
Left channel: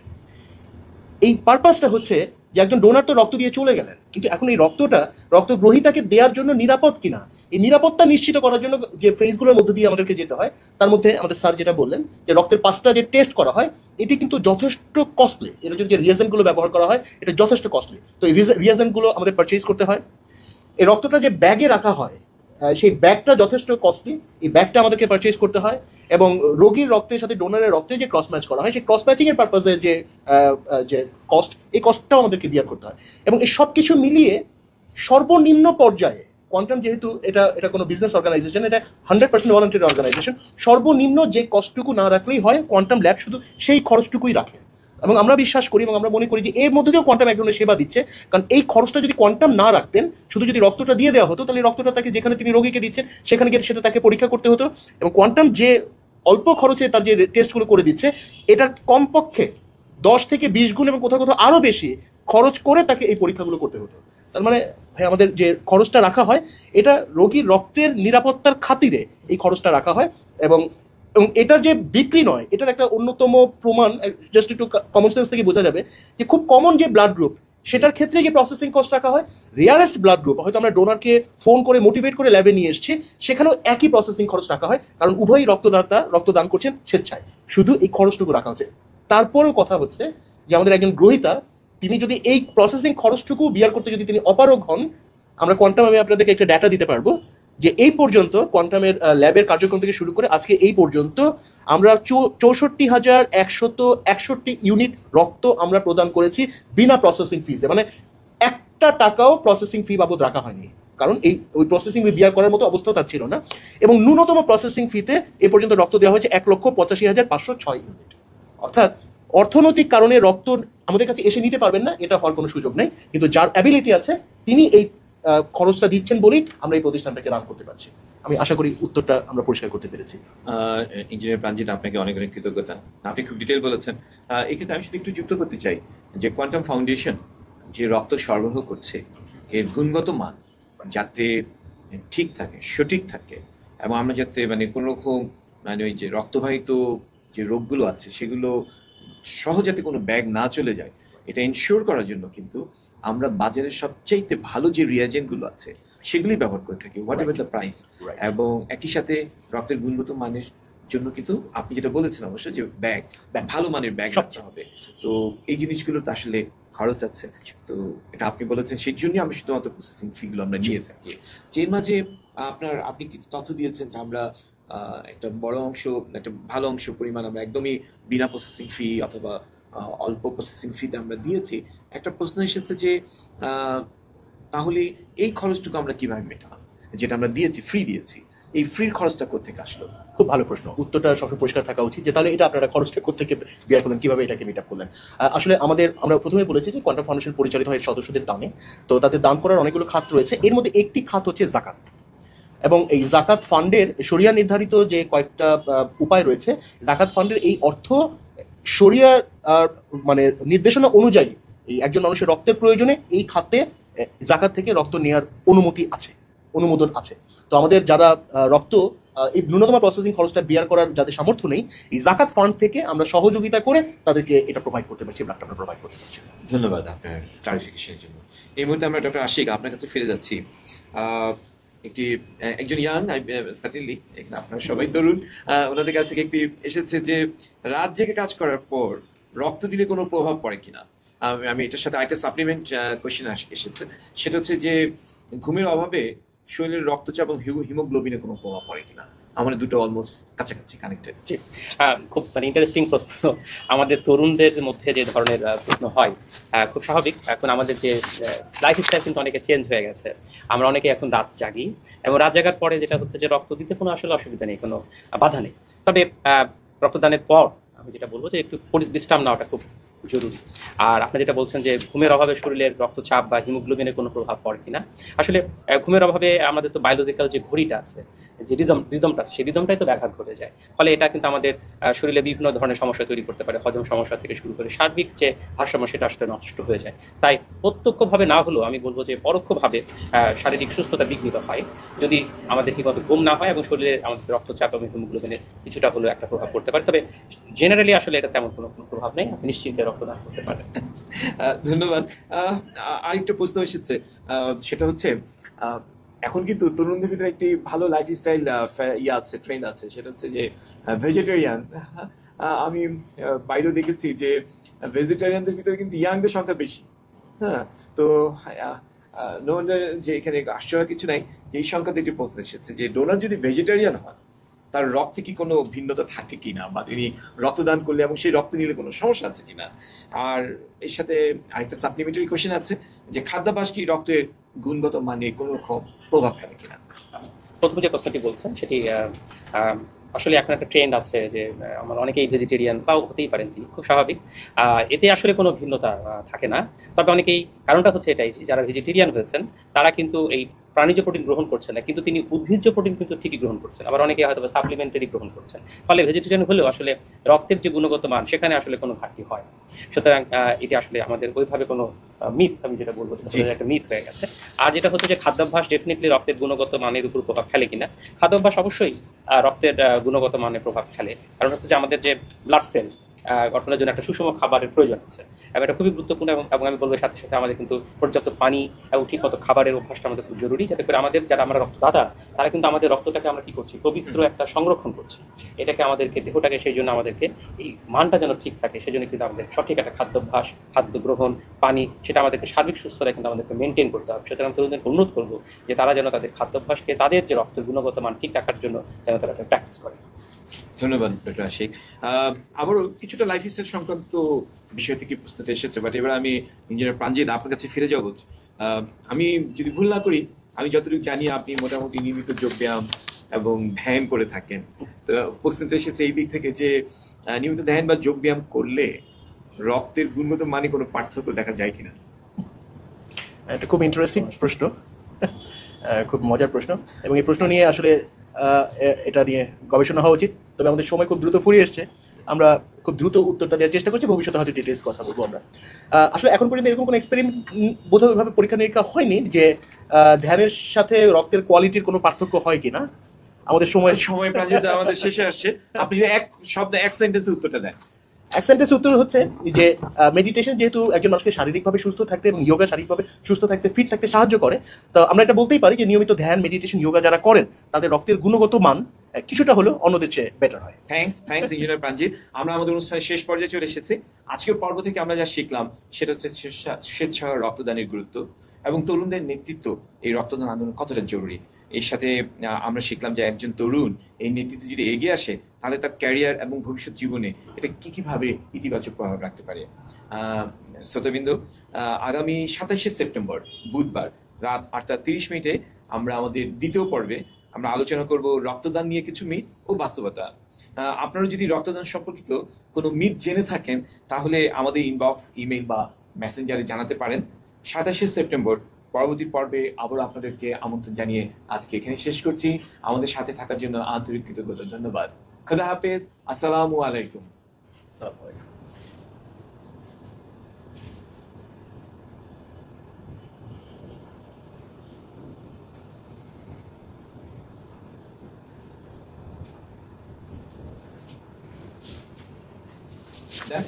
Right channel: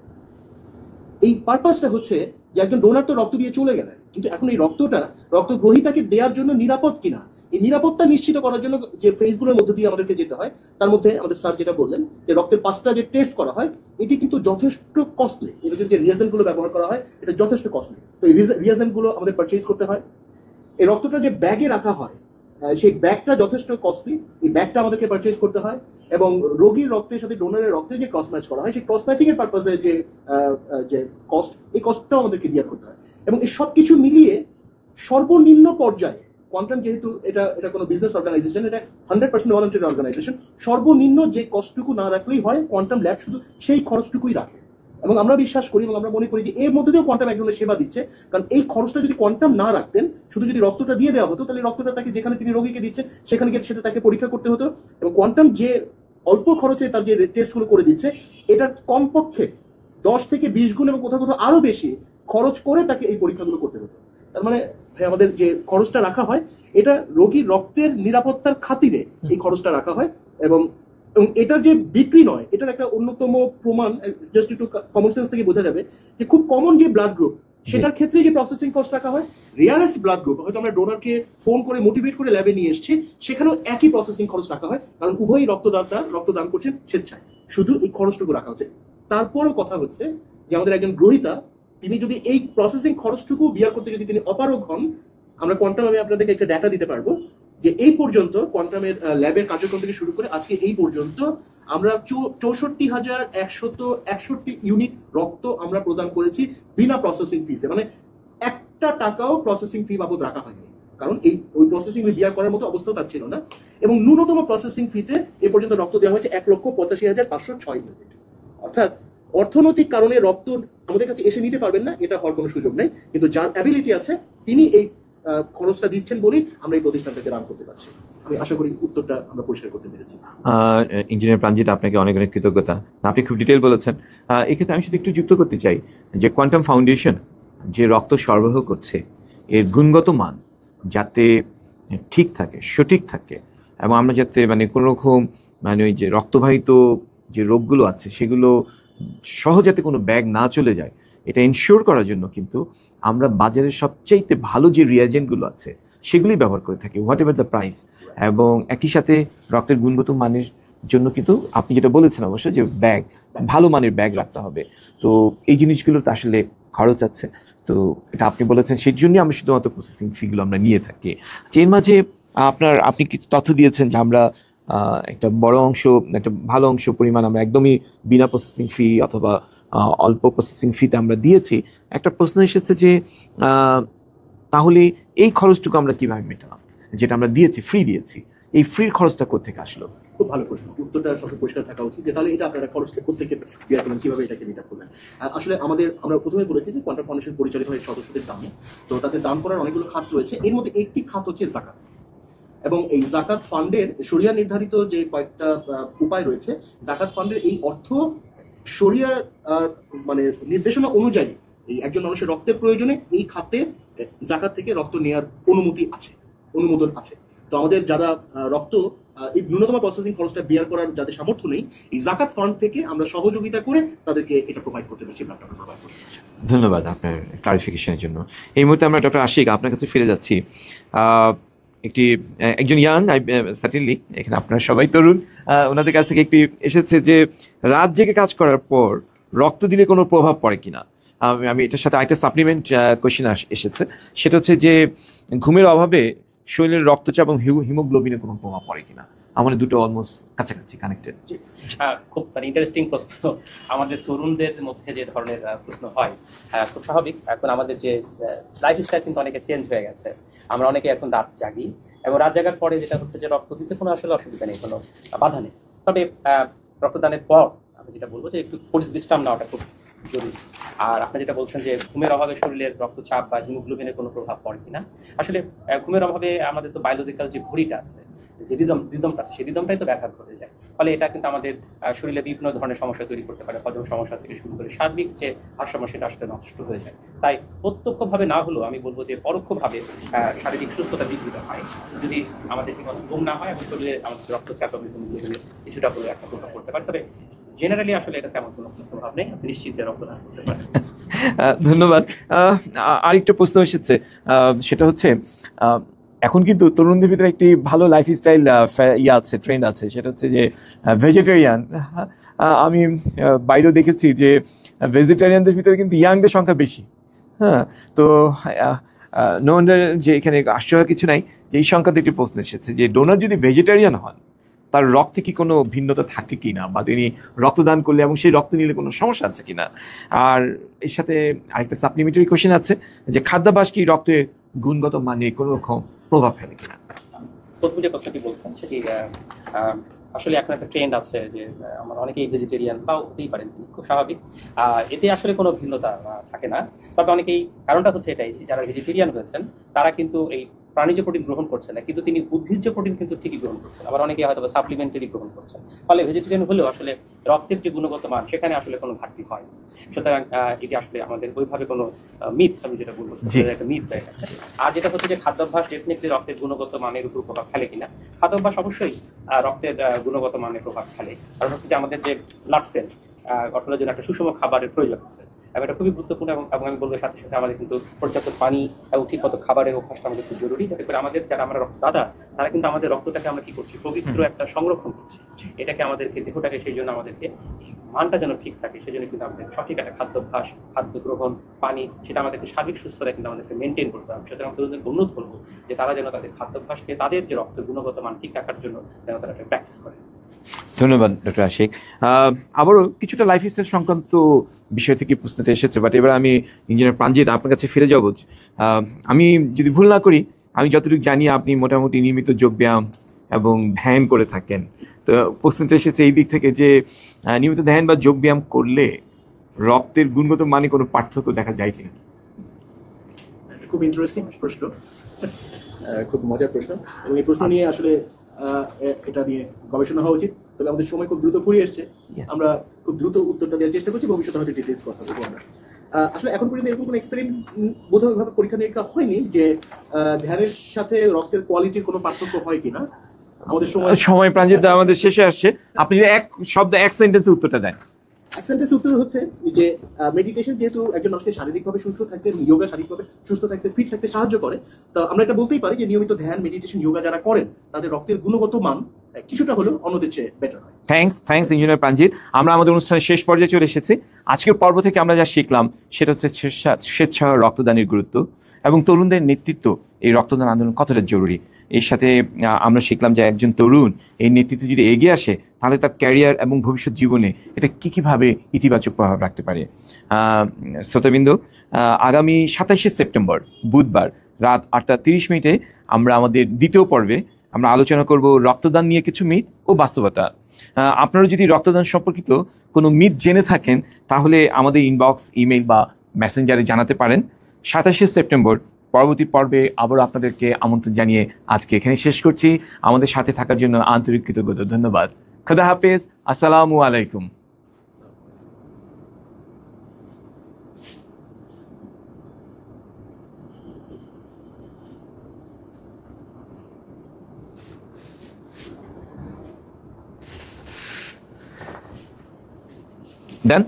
এই পারপাসটা হচ্ছে যে একজন ডোনার তো রক্ত দিয়ে চলে গেলেন, কিন্তু এখন এই রক্তটা রক্ত গ্রহীতাকে দেওয়ার জন্য নিরাপদ কিনা, এই নিরাপত্তা নিশ্চিত করার জন্য যে ফেজগুলোর মধ্যে দিয়ে আমাদেরকে যেতে হয়, তার মধ্যে আমাদের স্যার যেটা বললেন যে রক্তের 5টা যে টেস্ট করা হয় এটি কিন্তু যথেষ্ট কস্টলি। এটার জন্য যে রিয়েজেন্টগুলো ব্যবহার করা হয় এটা যথেষ্ট কস্টলি। তো এই রিয়েজেন্টগুলো আমাদের পারচেজ করতে হয়। এই রক্তটা যে ব্যাগে রাখা হয় সেই ব্যাগটা যথেষ্ট কস্টলি, এই ব্যাগটা আমাদেরকে পারচেজ করতে হয় এবং রোগীর রক্তের সাথে ডোনারের রক্তের যে ক্রস ম্যাচ করা হয় সেই ক্রস ম্যাচিং এর পারপাসে যে কস্ট, এই কস্টটাও আমাদেরকে বিয়ার করতে হয়। এবং এই সব কিছু মিলিয়ে সর্বনিম্ন পর্যায়ে কোয়ান্টাম, যেহেতু এটা কোনো বিজনেস অর্গানাইজেশন, এটা 100% ভলান্টারি অর্গানাইজেশন, সর্বনিম্ন যে কস্টটুকু না রাখলেই হয় কোয়ান্টাম ল্যাব শুধু সেই খরচটুকুই রাখে। এবং আমরা বিশ্বাস করি এবং আমরা মনে করি যে এর মধ্যে দিয়েও কোয়ান্টাম এক ধরনের সেবা দিচ্ছে, কারণ এই খরচটা যদি কোয়ান্টাম না রাখতেন, শুধু যদি রক্তটা দিয়ে দেওয়া হতো, তাহলে রক্তটা তাকে যেখানে তিনি রোগীকে দিচ্ছেন সেখানে গিয়ে সেটা তাকে পরীক্ষা করতে হতো। এবং কোয়ান্টাম যে অল্প খরচে তার যে টেস্টগুলো করে দিচ্ছে, এটার কমপক্ষে 10 থেকে 20 গুণ এবং কোথাও কোথাও আরও বেশি খরচ করে তাকে এই পরীক্ষাগুলো করতে হতো। তার মানে ভাই আমাদের যে খরচটা রাখা হয় এটা রোগীর রক্তের নিরাপত্তার খাতিরে এই খরচটা রাখা হয়। এবং এটার যে বিক্রি নয়, এটার একটা অন্যতম প্রমাণ জাস্ট একটু কমন সেন্স থেকে বোঝা যাবে যে খুব কমন যে ব্লাড গ্রুপ সেটার ক্ষেত্রে যে প্রসেসিং কস্ট রাখা হয়, রেয়ারেস্ট ব্লাড গ্রুপ হয়তো আমরা ডোনারকে ফোন করে মোটিভেট করে ল্যাবে নিয়ে এসেছি, সেখানেও একই প্রসেসিং খরচ রাখা হয়, কারণ উভয়ই রক্তদান করছেন স্বেচ্ছায়, শুধু এই খরচটুকু রাখা হচ্ছে। তারপরেও কথা হচ্ছে যে আমাদের একজন গ্রহীতা তিনি যদি এই প্রসেসিং খরচটুকু বিয়ার করতে যদি তিনি অপারগ হন, আমরা কোয়ান্টাম আমি আপনাদেরকে একটা ডাটা দিতে পারবো যে এই পর্যন্ত কোয়ান্টামের ল্যাবের কার্যক্রম থেকে শুরু করে আজকে এই পর্যন্ত আমরা 64,161 ইউনিট রক্ত আমরা প্রদান করেছি বিনা প্রসেসিং ফিজে। মানে 1 টাকাও প্রসেসিং ফি বাবদ রাখা হয়নি, কারণ ওই প্রসেসিং ফি বিয়ার করার মতো অবস্থা তার ছিল না। এবং ন্যূনতম প্রসেসিং ফিতে এ পর্যন্ত রক্ত দেওয়া হয়েছে 1,85,506 ইউনিট। অর্থাৎ অর্থনৈতিক কারণে রক্ত আমাদের কাছে এসে নিতে পারবেন না, এটা হওয়ার কোনো সুযোগ নেই, কিন্তু যার অ্যাবিলিটি আছে তিনি এই খরচটা দিচ্ছেন বলেই আমরা এই প্রতিষ্ঠানটাকে রান করতে পারছি। আমি আশা করি উত্তরটা আমরা পরিষ্কার করতে পেরেছি। ইঞ্জিনিয়ার প্রাণজিৎ, আপনাকে অনেক অনেক কৃতজ্ঞতা, আপনি খুব ডিটেল বলেছেন। এক্ষেত্রে আমি শুধু একটু যুক্ত করতে চাই যে কোয়ান্টাম ফাউন্ডেশন যে রক্ত সরবরাহ করছে এর গুণগত মান যাতে ঠিক থাকে, সঠিক থাকে, এবং আমরা যাতে মানে কোনো রকম মানে ওই যে রক্তবাহিত যে রোগগুলো আছে সেগুলো সহজাতে কোনো ব্যাগ না চলে যায়, এটা ইনশিওর করার জন্য কিন্তু আমরা বাজারের সবচাইতে ভালো যে রিয়াজেন্টগুলো আছে সেগুলি ব্যবহার করে থাকি, হোয়াট এভার দ্য প্রাইস। এবং একই সাথে রক্তের গুণগত মানের জন্য কিন্তু আপনি যেটা বলেছেন অবশ্যই যে ব্যাগ, ভালো মানের ব্যাগ রাখতে হবে। তো এই জিনিসগুলোর তো আসলে খরচ আছে, তো এটা আপনি বলেছেন, সেই জন্যই আমরা শুধুমাত্র প্রসেসিং ফিগুলো আমরা নিয়ে থাকি। এর মাঝে আপনি কিছু তথ্য দিয়েছেন যে আমরা একটা বড় অংশ, একটা ভালো অংশ পরিমাণ আমরা একদমই বিনা প্রসেসিং ফি অথবা অল্প প্রসেসিং ফিতে আমরা দিয়েছি। একটা প্রশ্ন এসেছে যে তাহলে এই খরচটুকু আমরা কিভাবে মেটালাম, যেটা আমরা দিয়েছি, ফ্রি দিয়েছি, এই ফ্রির খরচটা কোথেকে আসলো? খুব ভালো প্রশ্ন, উত্তরটা সবসময় পরিষ্কার থাকা উচিত যে তাহলে এটা আপনারা খরচটা কোথেকে বিয়ার করলেন, কিভাবে এটাকে মিট আপ করলেন। আসলে আমরা প্রথমে বলেছি যে কোয়ান্টাম ফাউন্ডেশন পরিচালিত হয় সদস্যদের দানে, তো তাদের দান করার অনেকগুলো খাত রয়েছে, এর মধ্যে একটি খাত হচ্ছে জাকাত। এবং এই জাকাত ফান্ডের শরিয়া নির্ধারিত যে কয়েকটা উপায় রয়েছে, জাকাত ফান্ডের এই অর্থ শরিয়া মানে নির্দেশনা অনুযায়ী এই একজন মানুষের রক্তের প্রয়োজনে এই খাতে জাকাত থেকে রক্ত নেওয়ার অনুমোদন আছে। তো আমাদের যারা রক্ত এই ন্যূনতম প্রসেসিং খরচটা বিয়ার করার যাদের সামর্থ্য নেই, এই জাকাত ফান্ড থেকে আমরা সহযোগিতা করে তাদেরকে এটা প্রোভাইড করতে পারছি, ব্লাডটা প্রোভাইড করতে পারছি। ধন্যবাদ আপনার ক্লারিফিকেশনের জন্য। এই মুহূর্তে আমরা ডক্টর আশিক আপনার কাছে ফিরে যাচ্ছি। একজন ইয়াং, সার্টেনলি এখানে আপনারা সবাই তরুণ, ওনাদের কাছ থেকে একটি এসেছে যে রাত জেগে কাজ করার পর রক্ত দিলে কোনো প্রভাব পড়ে কিনা। আমি এটার সাথে আরেকটা সাপ্লিমেন্ট কোয়েশ্চেন এসেছে, সেটা হচ্ছে যে ঘুমের অভাবে শরীরের রক্তচাপ এবং হিমোগ্লোবিনে কোনো প্রভাব পড়ে কিনা। আমাদের দুটো অলমোস্ট কাছাকাছি কানেক্টেড। খুব ইন্টারেস্টিং প্রশ্ন। আমাদের তরুণদের মধ্যে যে ধরনের প্রশ্ন হয়, খুব স্বাভাবিক। এখন আমাদের যে লাইফস্টাইল কিন্তু অনেকে চেঞ্জ হয়ে গেছে। আমরা অনেকে এখন রাত জাগি, এবং রাত জাগার পরে যেটা হচ্ছে যে রক্ত দিতে কোনো আসলে অসুবিধা নেই, কোনো বাধা নেই। তবে রক্তদানের পর আমি যেটা বলবো যে একটু বিশ্রাম নেওয়াটা খুব জরুরি। আর আপনি যেটা বলছেন যে ঘুমের অভাবে শরীরের রক্তচাপ বা হিমোগ্লোবিনের কোনো প্রভাব পড়ে কিনা, আসলে ঘুমের অভাবে আমাদের তো বায়োলজিক্যাল যে ঘড়িটা আছে, যে রিদমটা আছে, সেই রিদমটাই তো ব্যাঘাত ঘটে যায়। ফলে এটা কিন্তু আমাদের শরীরে বিভিন্ন ধরনের সমস্যা তৈরি করতে পারে, হজম সমস্যা থেকে শুরু করে সার্বিক যে ভারসাম্য সেটা আসলে নষ্ট হয়ে যায়। তাই প্রত্যক্ষভাবে না হলেও আমি বলবো যে পরোক্ষভাবে শারীরিক সুস্থতা বিঘ্নিত হয় যদি আমাদের ঠিকমতো ঘুম না হয়, এবং শরীরে আমাদের রক্তচাপ এবং হিমোগ্লোবিনের কিছুটা হলেও একটা প্রভাব পড়তে পারে। তবে জেনারেলি আসলে এটা তেমন কোনো প্রভাব নেই, আপনি নিশ্চিন্তে রক্তদান করতে পারেন। ধন্যবাদ। আরেকটা প্রশ্ন এসেছে, সেটা হচ্ছে এখন কিন্তু তরুণদের ভিতরে একটি ভালো লাইফস্টাইল আছে, ট্রেন্ড আছে, সেটা হচ্ছে যে ভেজিটেরিয়ান। আমি বাইরেও দেখেছি যে ভেজিটেরিয়ানদের ভিতরে কিন্তু ইয়াংদের সংখ্যা বেশি। হ্যাঁ, তো নো ওয়ান্ডার যে এখানে আশ্চর্য কিছু নাই যে এই সংখ্যাতে একটি প্রশ্ন এসেছে যে ডোনার যদি ভেজিটেরিয়ান হন তার রক্তে কি কোনো ভিন্নতা থাকে কিনা, বা তিনি রক্তদান করলে এবং সেই রক্ত নিলে কোনো সমস্যা আছে কিনা। আর এর সাথে আরেকটা সাপ্লিমেন্টারি কোয়েশ্চেন আছে যে খাদ্যাভ্যাস কি রক্তের গুণগত মানে কোনো রকম প্রভাব ফেলে কিনা। প্রথম যে প্রশ্নটি বলছেন সেটি আসলে এখন একটা ট্রেন্ড আছে যে আমার অনেকেই ভেজিটেরিয়ান বা হতেই পারেন, খুব স্বাভাবিক। এতে আসলে কোনো ভিন্নতা থাকে না। তবে অনেকেই, কারণটা হচ্ছে এটাই যে যারা ভেজিটেরিয়ান হয়েছেন তারা কিন্তু এই প্রাণীজ প্রোটিন গ্রহণ করছেন না, কিন্তু তিনি উদ্ভিজ্জ প্রোটিন কিন্তু ঠিকই গ্রহণ করছেন, আবার অনেকে হয়তো সাপ্লিমেন্টারি গ্রহণ করছেন। ফলে ভেজিটেরিয়ান হলেও আসলে রক্তের যে গুণগত মান সেখানে আসলে কোনো ঘাটতি হয়। সুতরাং এটি আসলে আমাদের ওইভাবে কোনো মিথ, আমি যেটা বলবো একটা মিথ হয়ে গেছে। আর যেটা হচ্ছে যে খাদ্যাভ্যাস ডেফিনেটলি রক্তের গুণগত মানের উপর প্রভাব ফেলে কিনা, খাদ্যাভ্যাস অবশ্যই রক্তের গুণগত মানের প্রভাব ফেলে। কারণ হচ্ছে যে আমাদের যে ব্লাড সেল গঠনের জন্য একটা সুষম খাবারের প্রয়োজন আছে, এবং এটা খুবই গুরুত্বপূর্ণ। এবং আমি বলবো সাথে সাথে আমাদের কিন্তু পর্যাপ্ত পানি এবং ঠিক মতো খাবারের অভ্যাসটা আমাদের খুব জরুরি, যাতে করে আমাদের যারা আমরা রক্তদাতা তারা কিন্তু আমাদের রক্তটাকে আমরা কি করছি, পবিত্র একটা সংরক্ষণ করছি। এটাকে আমাদেরকে, দেহটাকে, সেই জন্য আমাদেরকে এই মানটা যেন ঠিক থাকে, সেই জন্য কিন্তু আমাদের সঠিক একটা খাদ্যাভ্যাস, খাদ্য গ্রহণ, পানি, সেটা আমাদেরকে সার্বিক সুস্থতা কিন্তু আমাদেরকে মেনটেন করতে হবে। সুতরাং তরুণদেরকে অনুরোধ করবো যে তারা যেন তাদের খাদ্যাভ্যাসকে, তাদের যে রক্তের গুণগত মান ঠিক রাখার জন্য যেন তারা একটা প্র্যাকটিস করে। ধন্যবাদ ডক্টর আশিক। আবারও কিছুটা লাইফস্টাইল সংক্রান্ত বিষয় থেকে প্রশ্নটা এসেছে, বাট এবার আমি ইঞ্জিনিয়ার প্রাঞ্জিত আপনার কাছে ফিরে যাব। আমি যদি ভুল না করি, আমি যতটুকু জানি আপনি মোটামুটি নিয়মিত যোগব্যায়াম এবং ধ্যান করে থাকেন। তো প্রশ্নটা এসেছে এই দিক থেকে যে নিয়মিত ধ্যান বা যোগব্যায়াম করলে রক্তের গুণগত মানে কোনো পার্থক্য দেখা যায় কিনা। এটা খুব ইন্টারেস্টিং প্রশ্ন, খুব মজার প্রশ্ন, এবং এই প্রশ্ন নিয়ে আসলে এটা নিয়ে গবেষণা হওয়া উচিত। তবে আমাদের সময় খুব দ্রুত ফুরিয়ে এসছে, আমরা খুব দ্রুত উত্তরটা দেওয়ার চেষ্টা করছি। ভবিষ্যতে হয়তো ডিটেলস কথা বলবো আমরা। আসলে এখন পর্যন্ত এরকম কোনো এক্সপেরিমেন্ট বোধহয়ভাবে পরীক্ষা নিরীক্ষা হয়নি যে ধ্যানের সাথে রক্তের কোয়ালিটির কোনো পার্থক্য হয় কিনা। আমাদের সময় প্রাঞ্জিত আমাদের শেষে আসছে, আপনি এক শব্দ এক সেন্টেন্সে উত্তরটা দেন। এক সেন্টেন্সে উত্তর হচ্ছে যে মেডিটেশন যেহেতু একজন মানুষকে শারীরিকভাবে সুস্থ থাকতে এবং যোগা শারীরিকভাবে সুস্থ থাকতে, ফিট থাকতে সাহায্য করে, তো আমরা এটা বলতেই পারি যে নিয়মিত ধ্যান, মেডিটেশন, যোগা যারা করেন তাদের রক্তের গুণগত মান কিছুটা হলেও অন্যদের চেয়ে বেটার হয়। Thanks engineer Pranjit. আমরা আমাদের অনুষ্ঠানের শেষ পর্যায়ে চলে এসেছি। আজকের পর্ব থেকে আমরা যা শিখলাম সেটা হচ্ছে স্বেচ্ছা রক্তদানের গুরুত্ব এবং তরুণদের নেতৃত্ব এই রক্তদান আন্দোলন কতটা জরুরি। এর সাথে আমরা শিখলাম যে একজন তরুণ এই নেতৃত্ব যদি এগিয়ে আসে তাহলে তার ক্যারিয়ার এবং ভবিষ্যৎ জীবনে এটা কীভাবে ইতিবাচক প্রভাব রাখতে পারে। শ্রোতাবৃন্দ, আগামী 27শে সেপ্টেম্বর বুধবার রাত 8:30 আমরা আমাদের দ্বিতীয় পর্বে আমরা আলোচনা করব রক্তদান নিয়ে কিছু মিথ ও বাস্তবতা। আপনারা যদি রক্তদান সম্পর্কিত কোনো মিথ জেনে থাকেন তাহলে আমাদের ইনবক্স, ইমেইল বা মেসেঞ্জারে জানাতে পারেন। 27শে সেপ্টেম্বর পরবর্তী পর্বে আবারও আপনাদেরকে আমন্ত্রণ জানিয়ে আজকে এখানে শেষ করছি। আমাদের সাথে থাকার জন্য আন্তরিক কৃতজ্ঞতা, ধন্যবাদ। খুদা হাফেজ, আসসালামু আলাইকুম। Done?